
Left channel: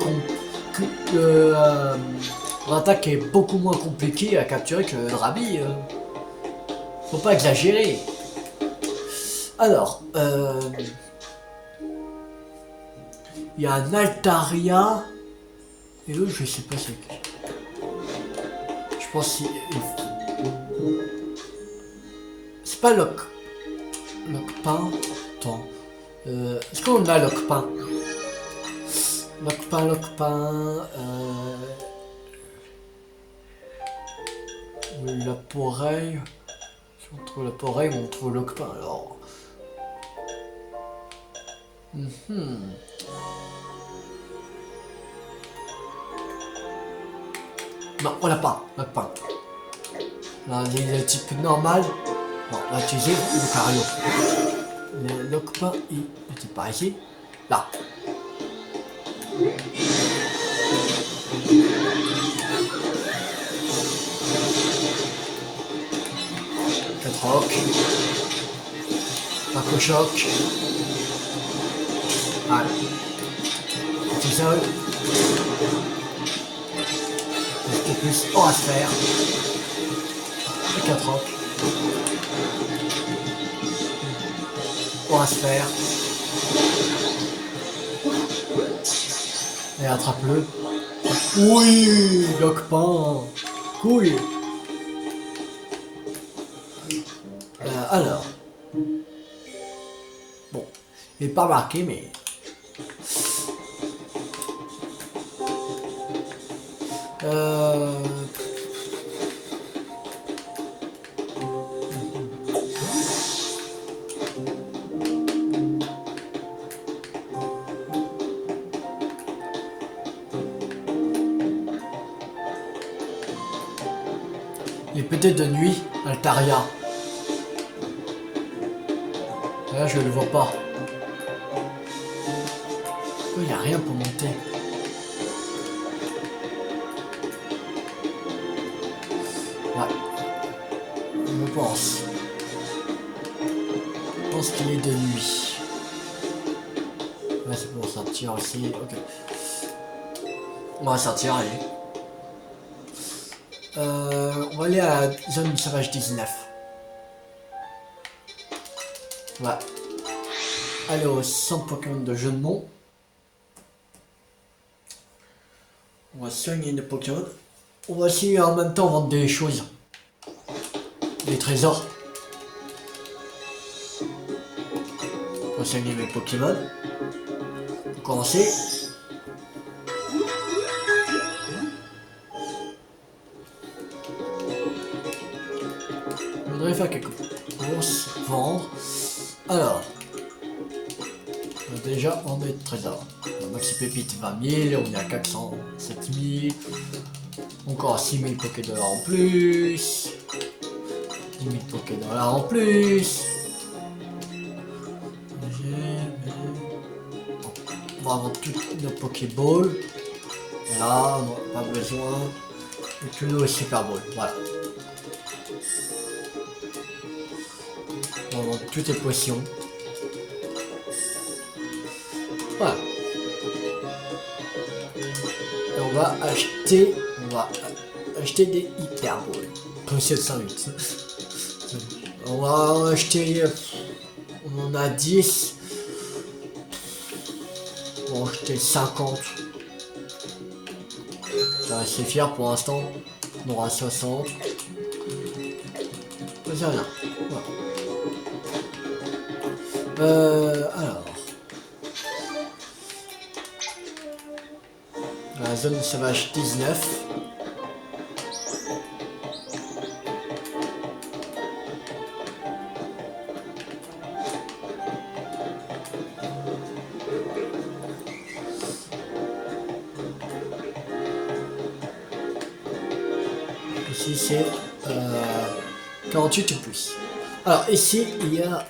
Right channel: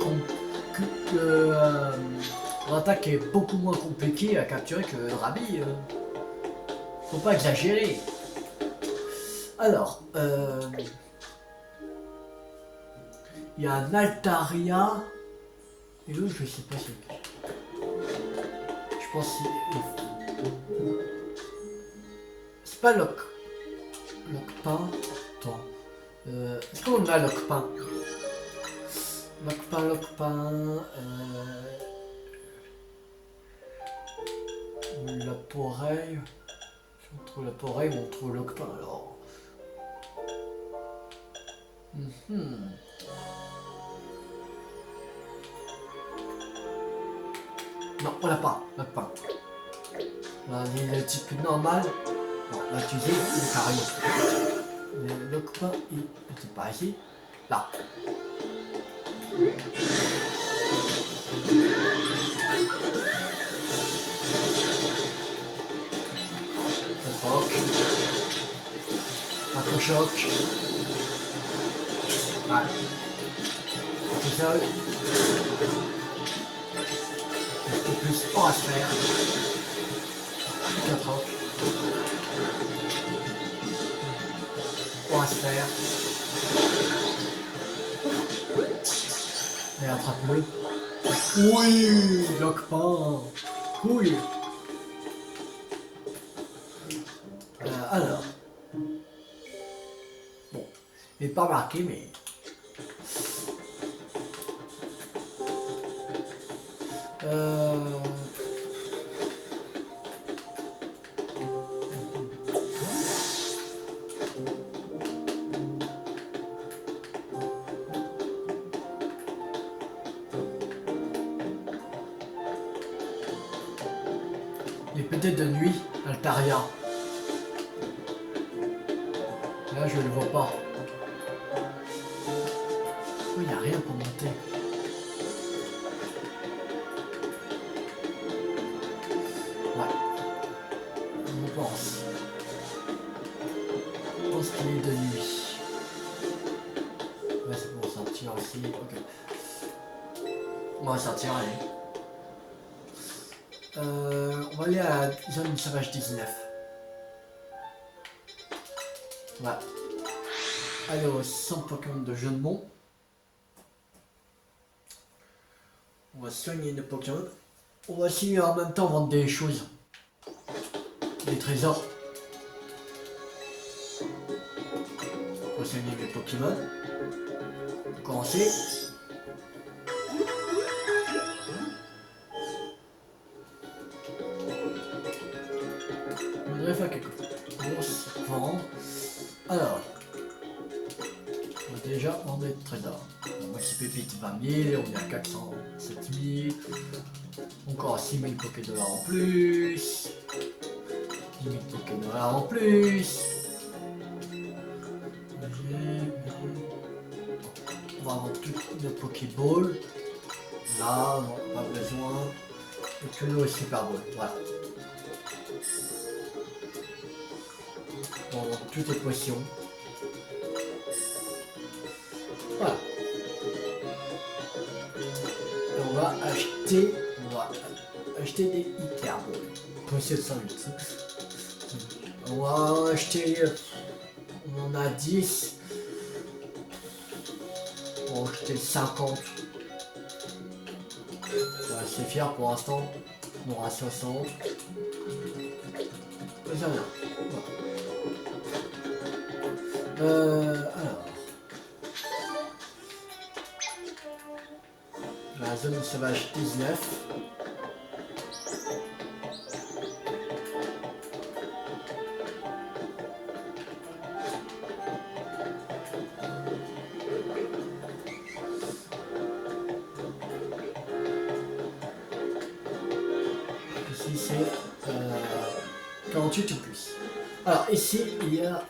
Dratak est beaucoup moins compliqué à capturer que le Drabi. Faut pas exagérer. Alors, il y a un Altaria et l'autre je sais pas c'est qui. Je pense que c'est pas Lockpain. Attends. Est-ce qu'on a Lockpain? Lockpain. La Poreille. Si on trouve la Poreille, on trouve Lockpain alors. Non, on l'a pas, Lockpain. Là, le type normal. Non, on va utiliser le Cario. Le Lockpain, il est par ici. Là. Quatre rocs. Paco choc. Allez. C'est ça. Un plus, on va se faire. Et 4 rocs. On va se faire. Et attrape-le. Oui, Lockpain. Cool. Alors. Bon. Il n'est pas marqué, mais... Il est peut-être de nuit, Altaria. Là, je le vois pas. Oh, il n'y a rien pour monter. Ouais. Je pense. Je pense qu'il est de nuit. Là, c'est pour sortir aussi. Ok. On va sortir, allez. On va aller à la zone du sauvage 19. Voilà. Aller au centre Pokémon de Jeune-Mont. On va soigner nos Pokémon. On va aussi en même temps vendre des choses. Des trésors. Enseigner mes Pokémon. Pour commencer. Je voudrais faire quelques courses, vendre. Alors. Déjà, on met trésor. Maxi pépite 20 000, on est à 407 000. Encore 6 000 Pokédollars en plus. 10 000 Pokédollars en plus. On va vendre toute notre Pokéball. Et là, on n'a pas besoin de tous nos Super Ball. Voilà. On va vendre toutes les potions. Voilà. Et on va acheter des Hyper Balls. Pour 708. On va en acheter. On en a 10. On va acheter 50. Ça va rester fier pour l'instant. On aura 60. C'est rien. Voilà. Alors. La zone sauvage 19. Ici c'est 48 ou plus. Alors ici il y a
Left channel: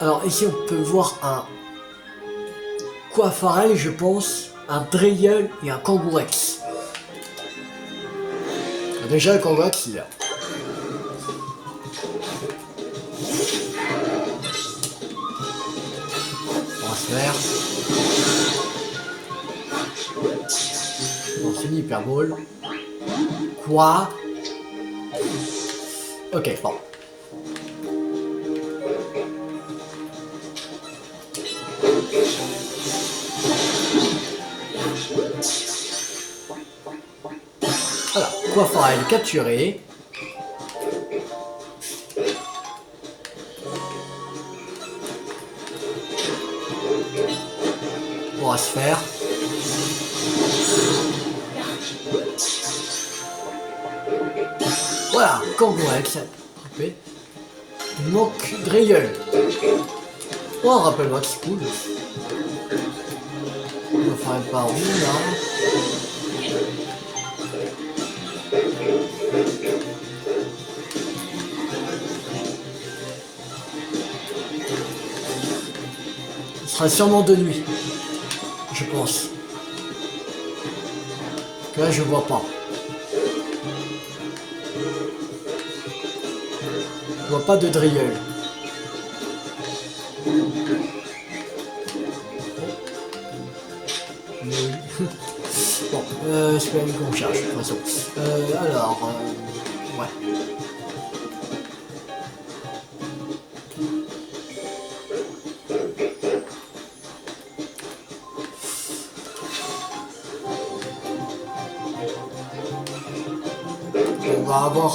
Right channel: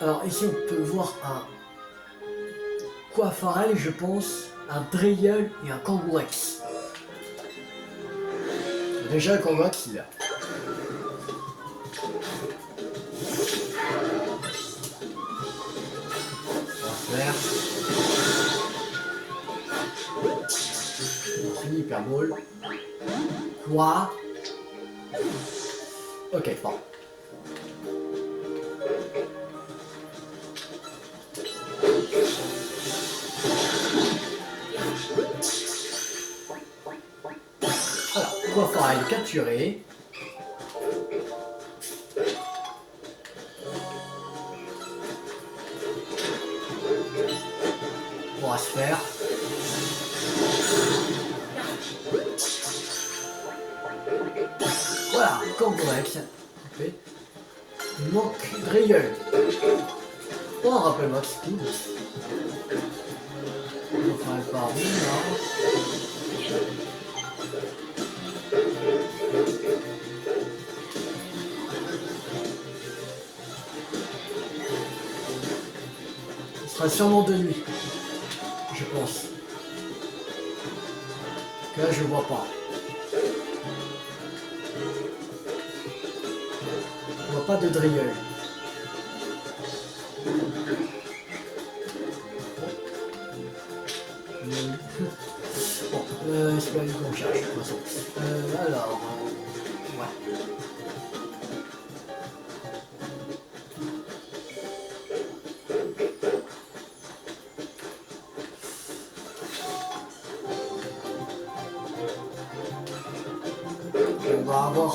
alors ici on peut voir un Quafarel, je pense, un Dreyel et un Kangourex. Déjà le Kangourex il est là. On va se faire. Bon, c'est une Hyper Ball. Quoi? Ok, bon. Voilà, Quafarel capturé. On va se faire. Voilà, Kangourex. Il manque Dreyel. Oh, rappelle-moi que c'est cool. On va faire le par où là. Ce sera sûrement de nuit. Je pense. Là, je vois pas. Je vois pas de Dreyel. Bon, c'est pas lui qu'on cherche, de toute façon. Alors, ouais. On va avoir...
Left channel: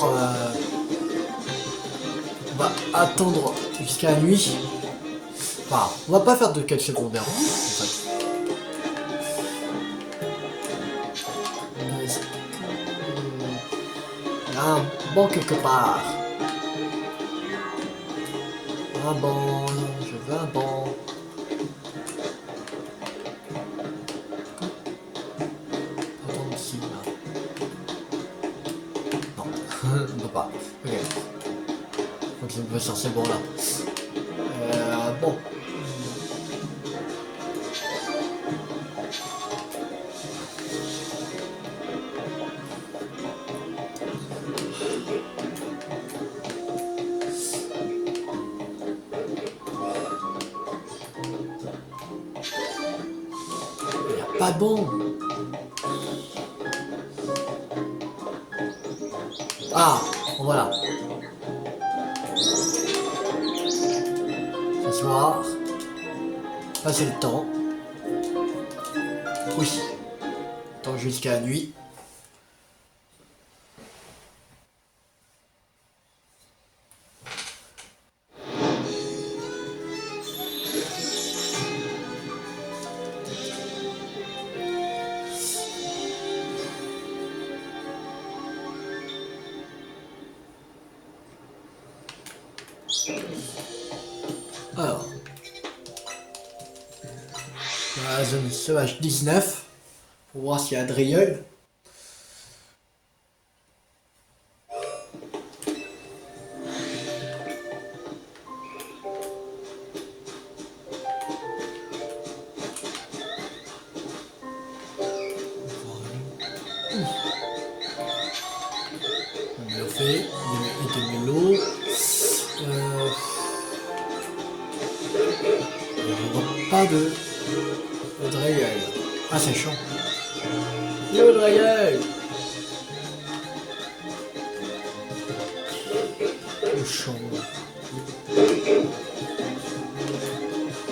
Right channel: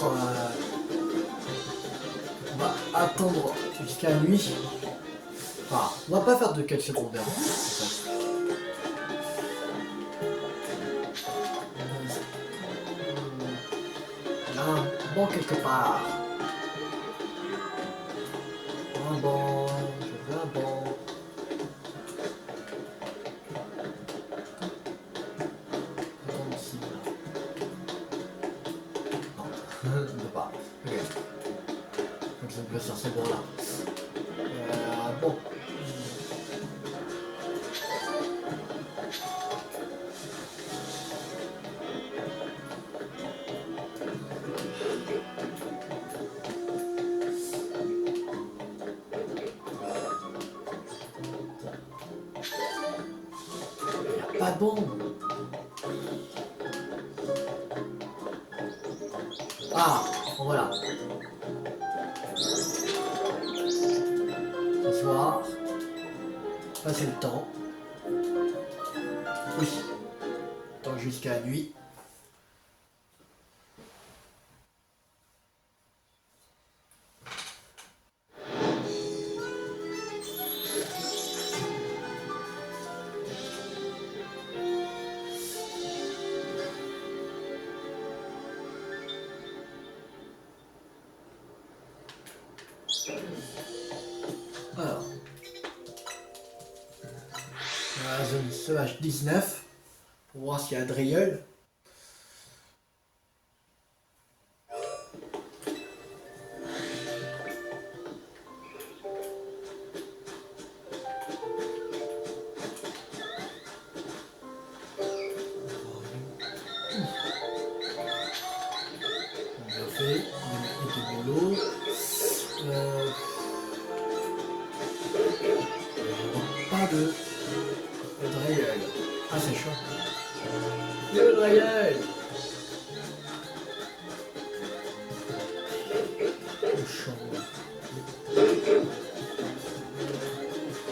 on va attendre jusqu'à la nuit. Enfin, on va pas faire de quête secondaire. En fait. Il y a un banc quelque part. Un banc. Je veux un banc. Attends ici. Non. Non. On peut pas. Ok. Donc je peux sur ces bancs là. Bon. Il n'y a pas de bon. Ah, voilà. S'asseoir. Passer le temps. Oui. Attends jusqu'à la nuit. Alors, dans la zone sauvage 19, pour voir s'il y a Drieul. On a fait des mélos. Je vois pas de Drieul. Ah, c'est chaud. Le Drieul. Cochon.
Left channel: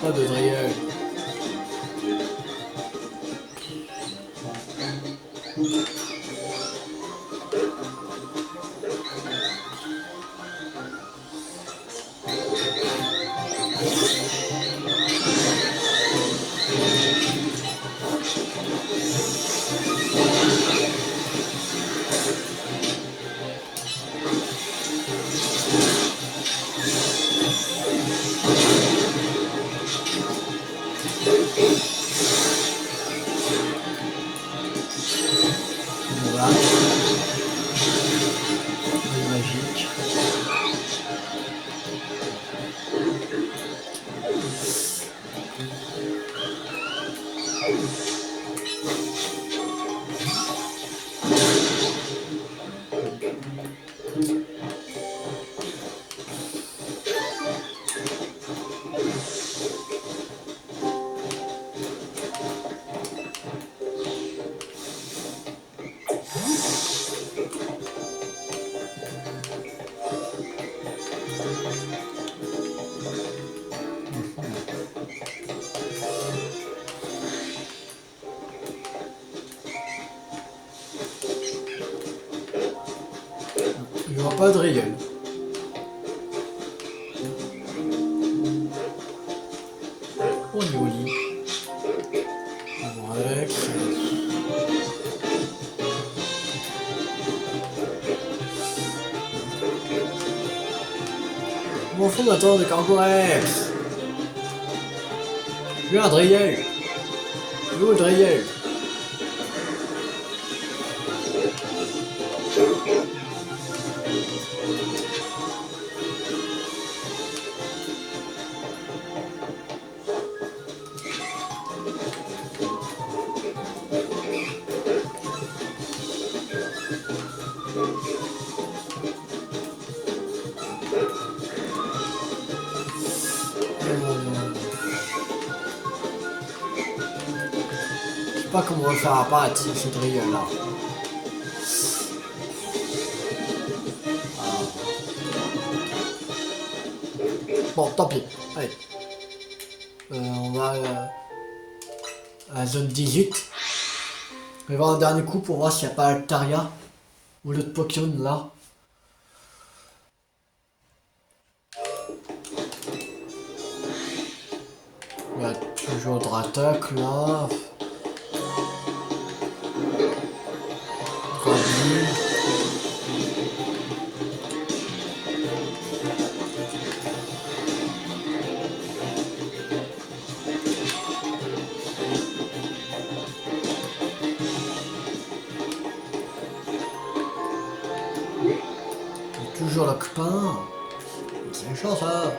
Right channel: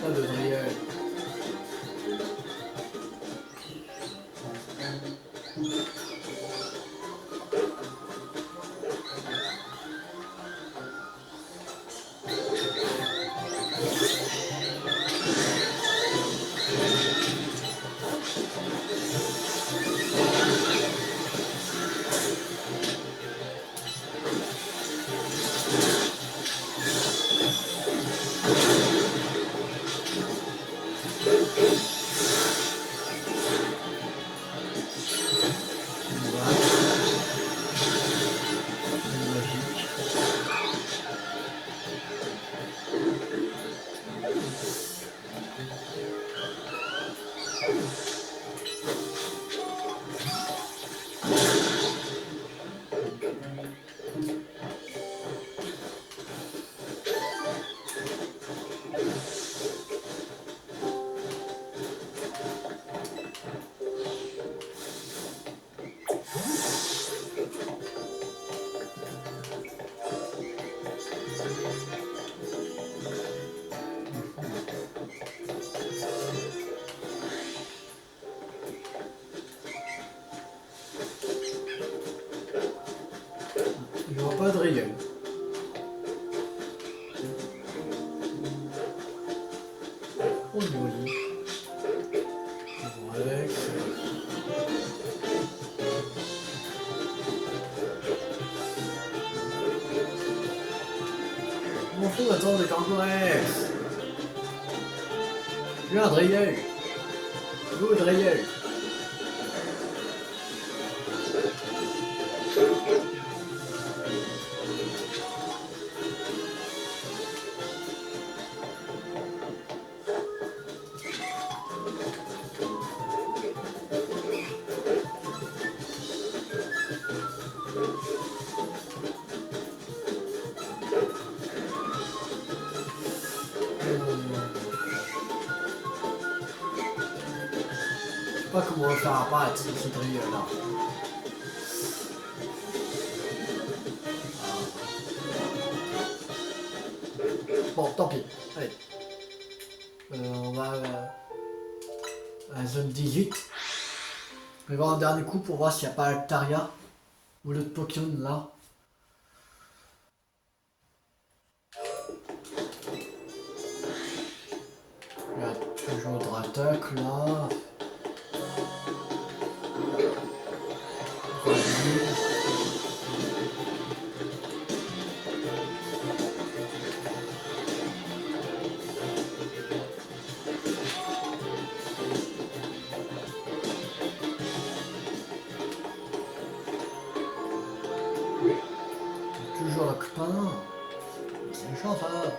Pas de Drieul. Voilà. Le magique. Je vois pas de Drieul. On est au lit. Ouais, je m'en fous maintenant de Kangorex. Je veux un Drieul. Je veux le Drieul. Je sais pas comment on va faire apparaître ce Drieul là. Bon, tant pis. Allez. On va à la zone 18. Je vais voir un dernier coup pour voir s'il n'y a pas Altaria ou l'autre Pokémon là. Il y a toujours Dratak là. Rabi. Toujours le copain. C'est méchant ça.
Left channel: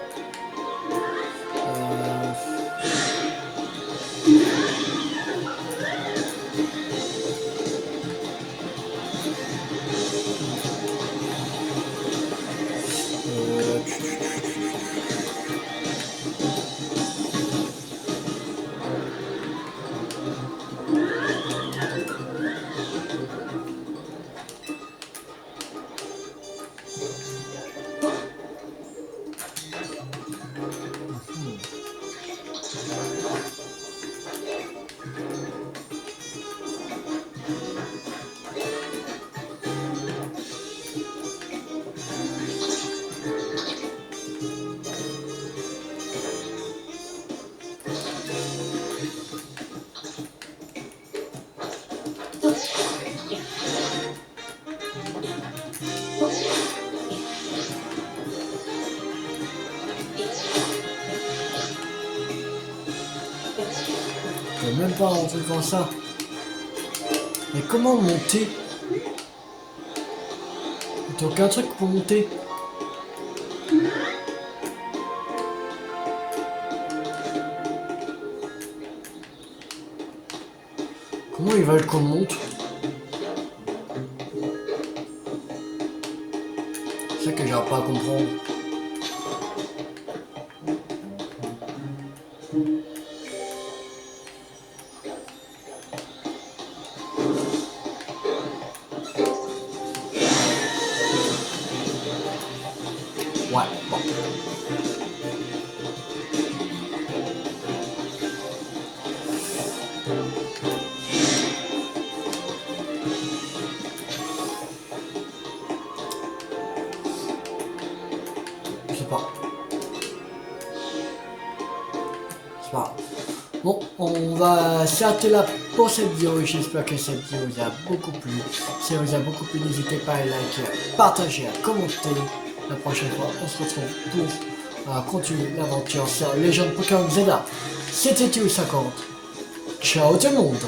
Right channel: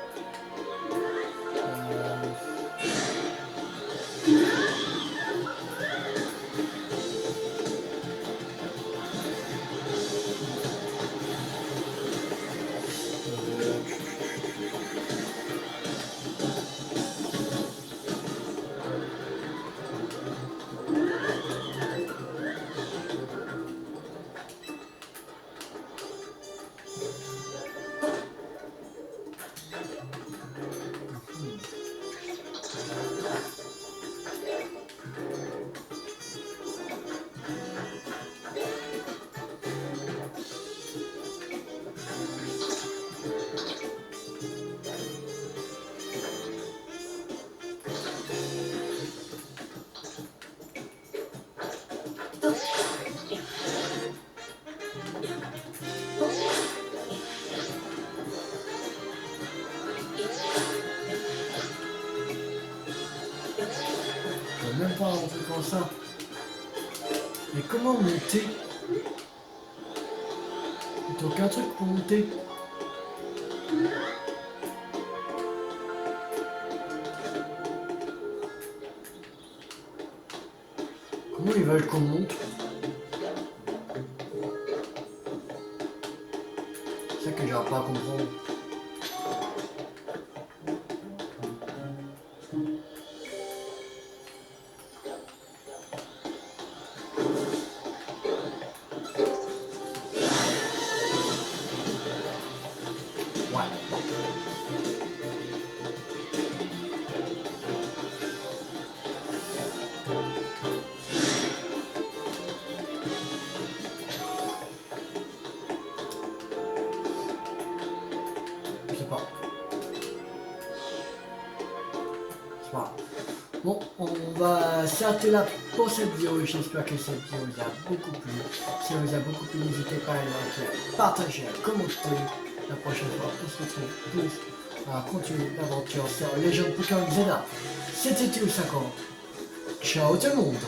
Je peux même pas un truc comme ça. Mais comment monter? T'as aucun truc pour monter? Comment ils veulent qu'on monte? C'est ça que j'arrive pas à comprendre. Ouais, bon. Je sais pas. C'est pas grave. Bon, on va s'arrêter là pour cette vidéo. J'espère que cette vidéo vous a beaucoup plu. Si elle vous a beaucoup plu, n'hésitez pas à liker, à partager, à commenter. La prochaine fois, on se retrouve pour continuer l'aventure sur Legend Pokémon Zelda. C'était Théo50. Ciao tout le monde!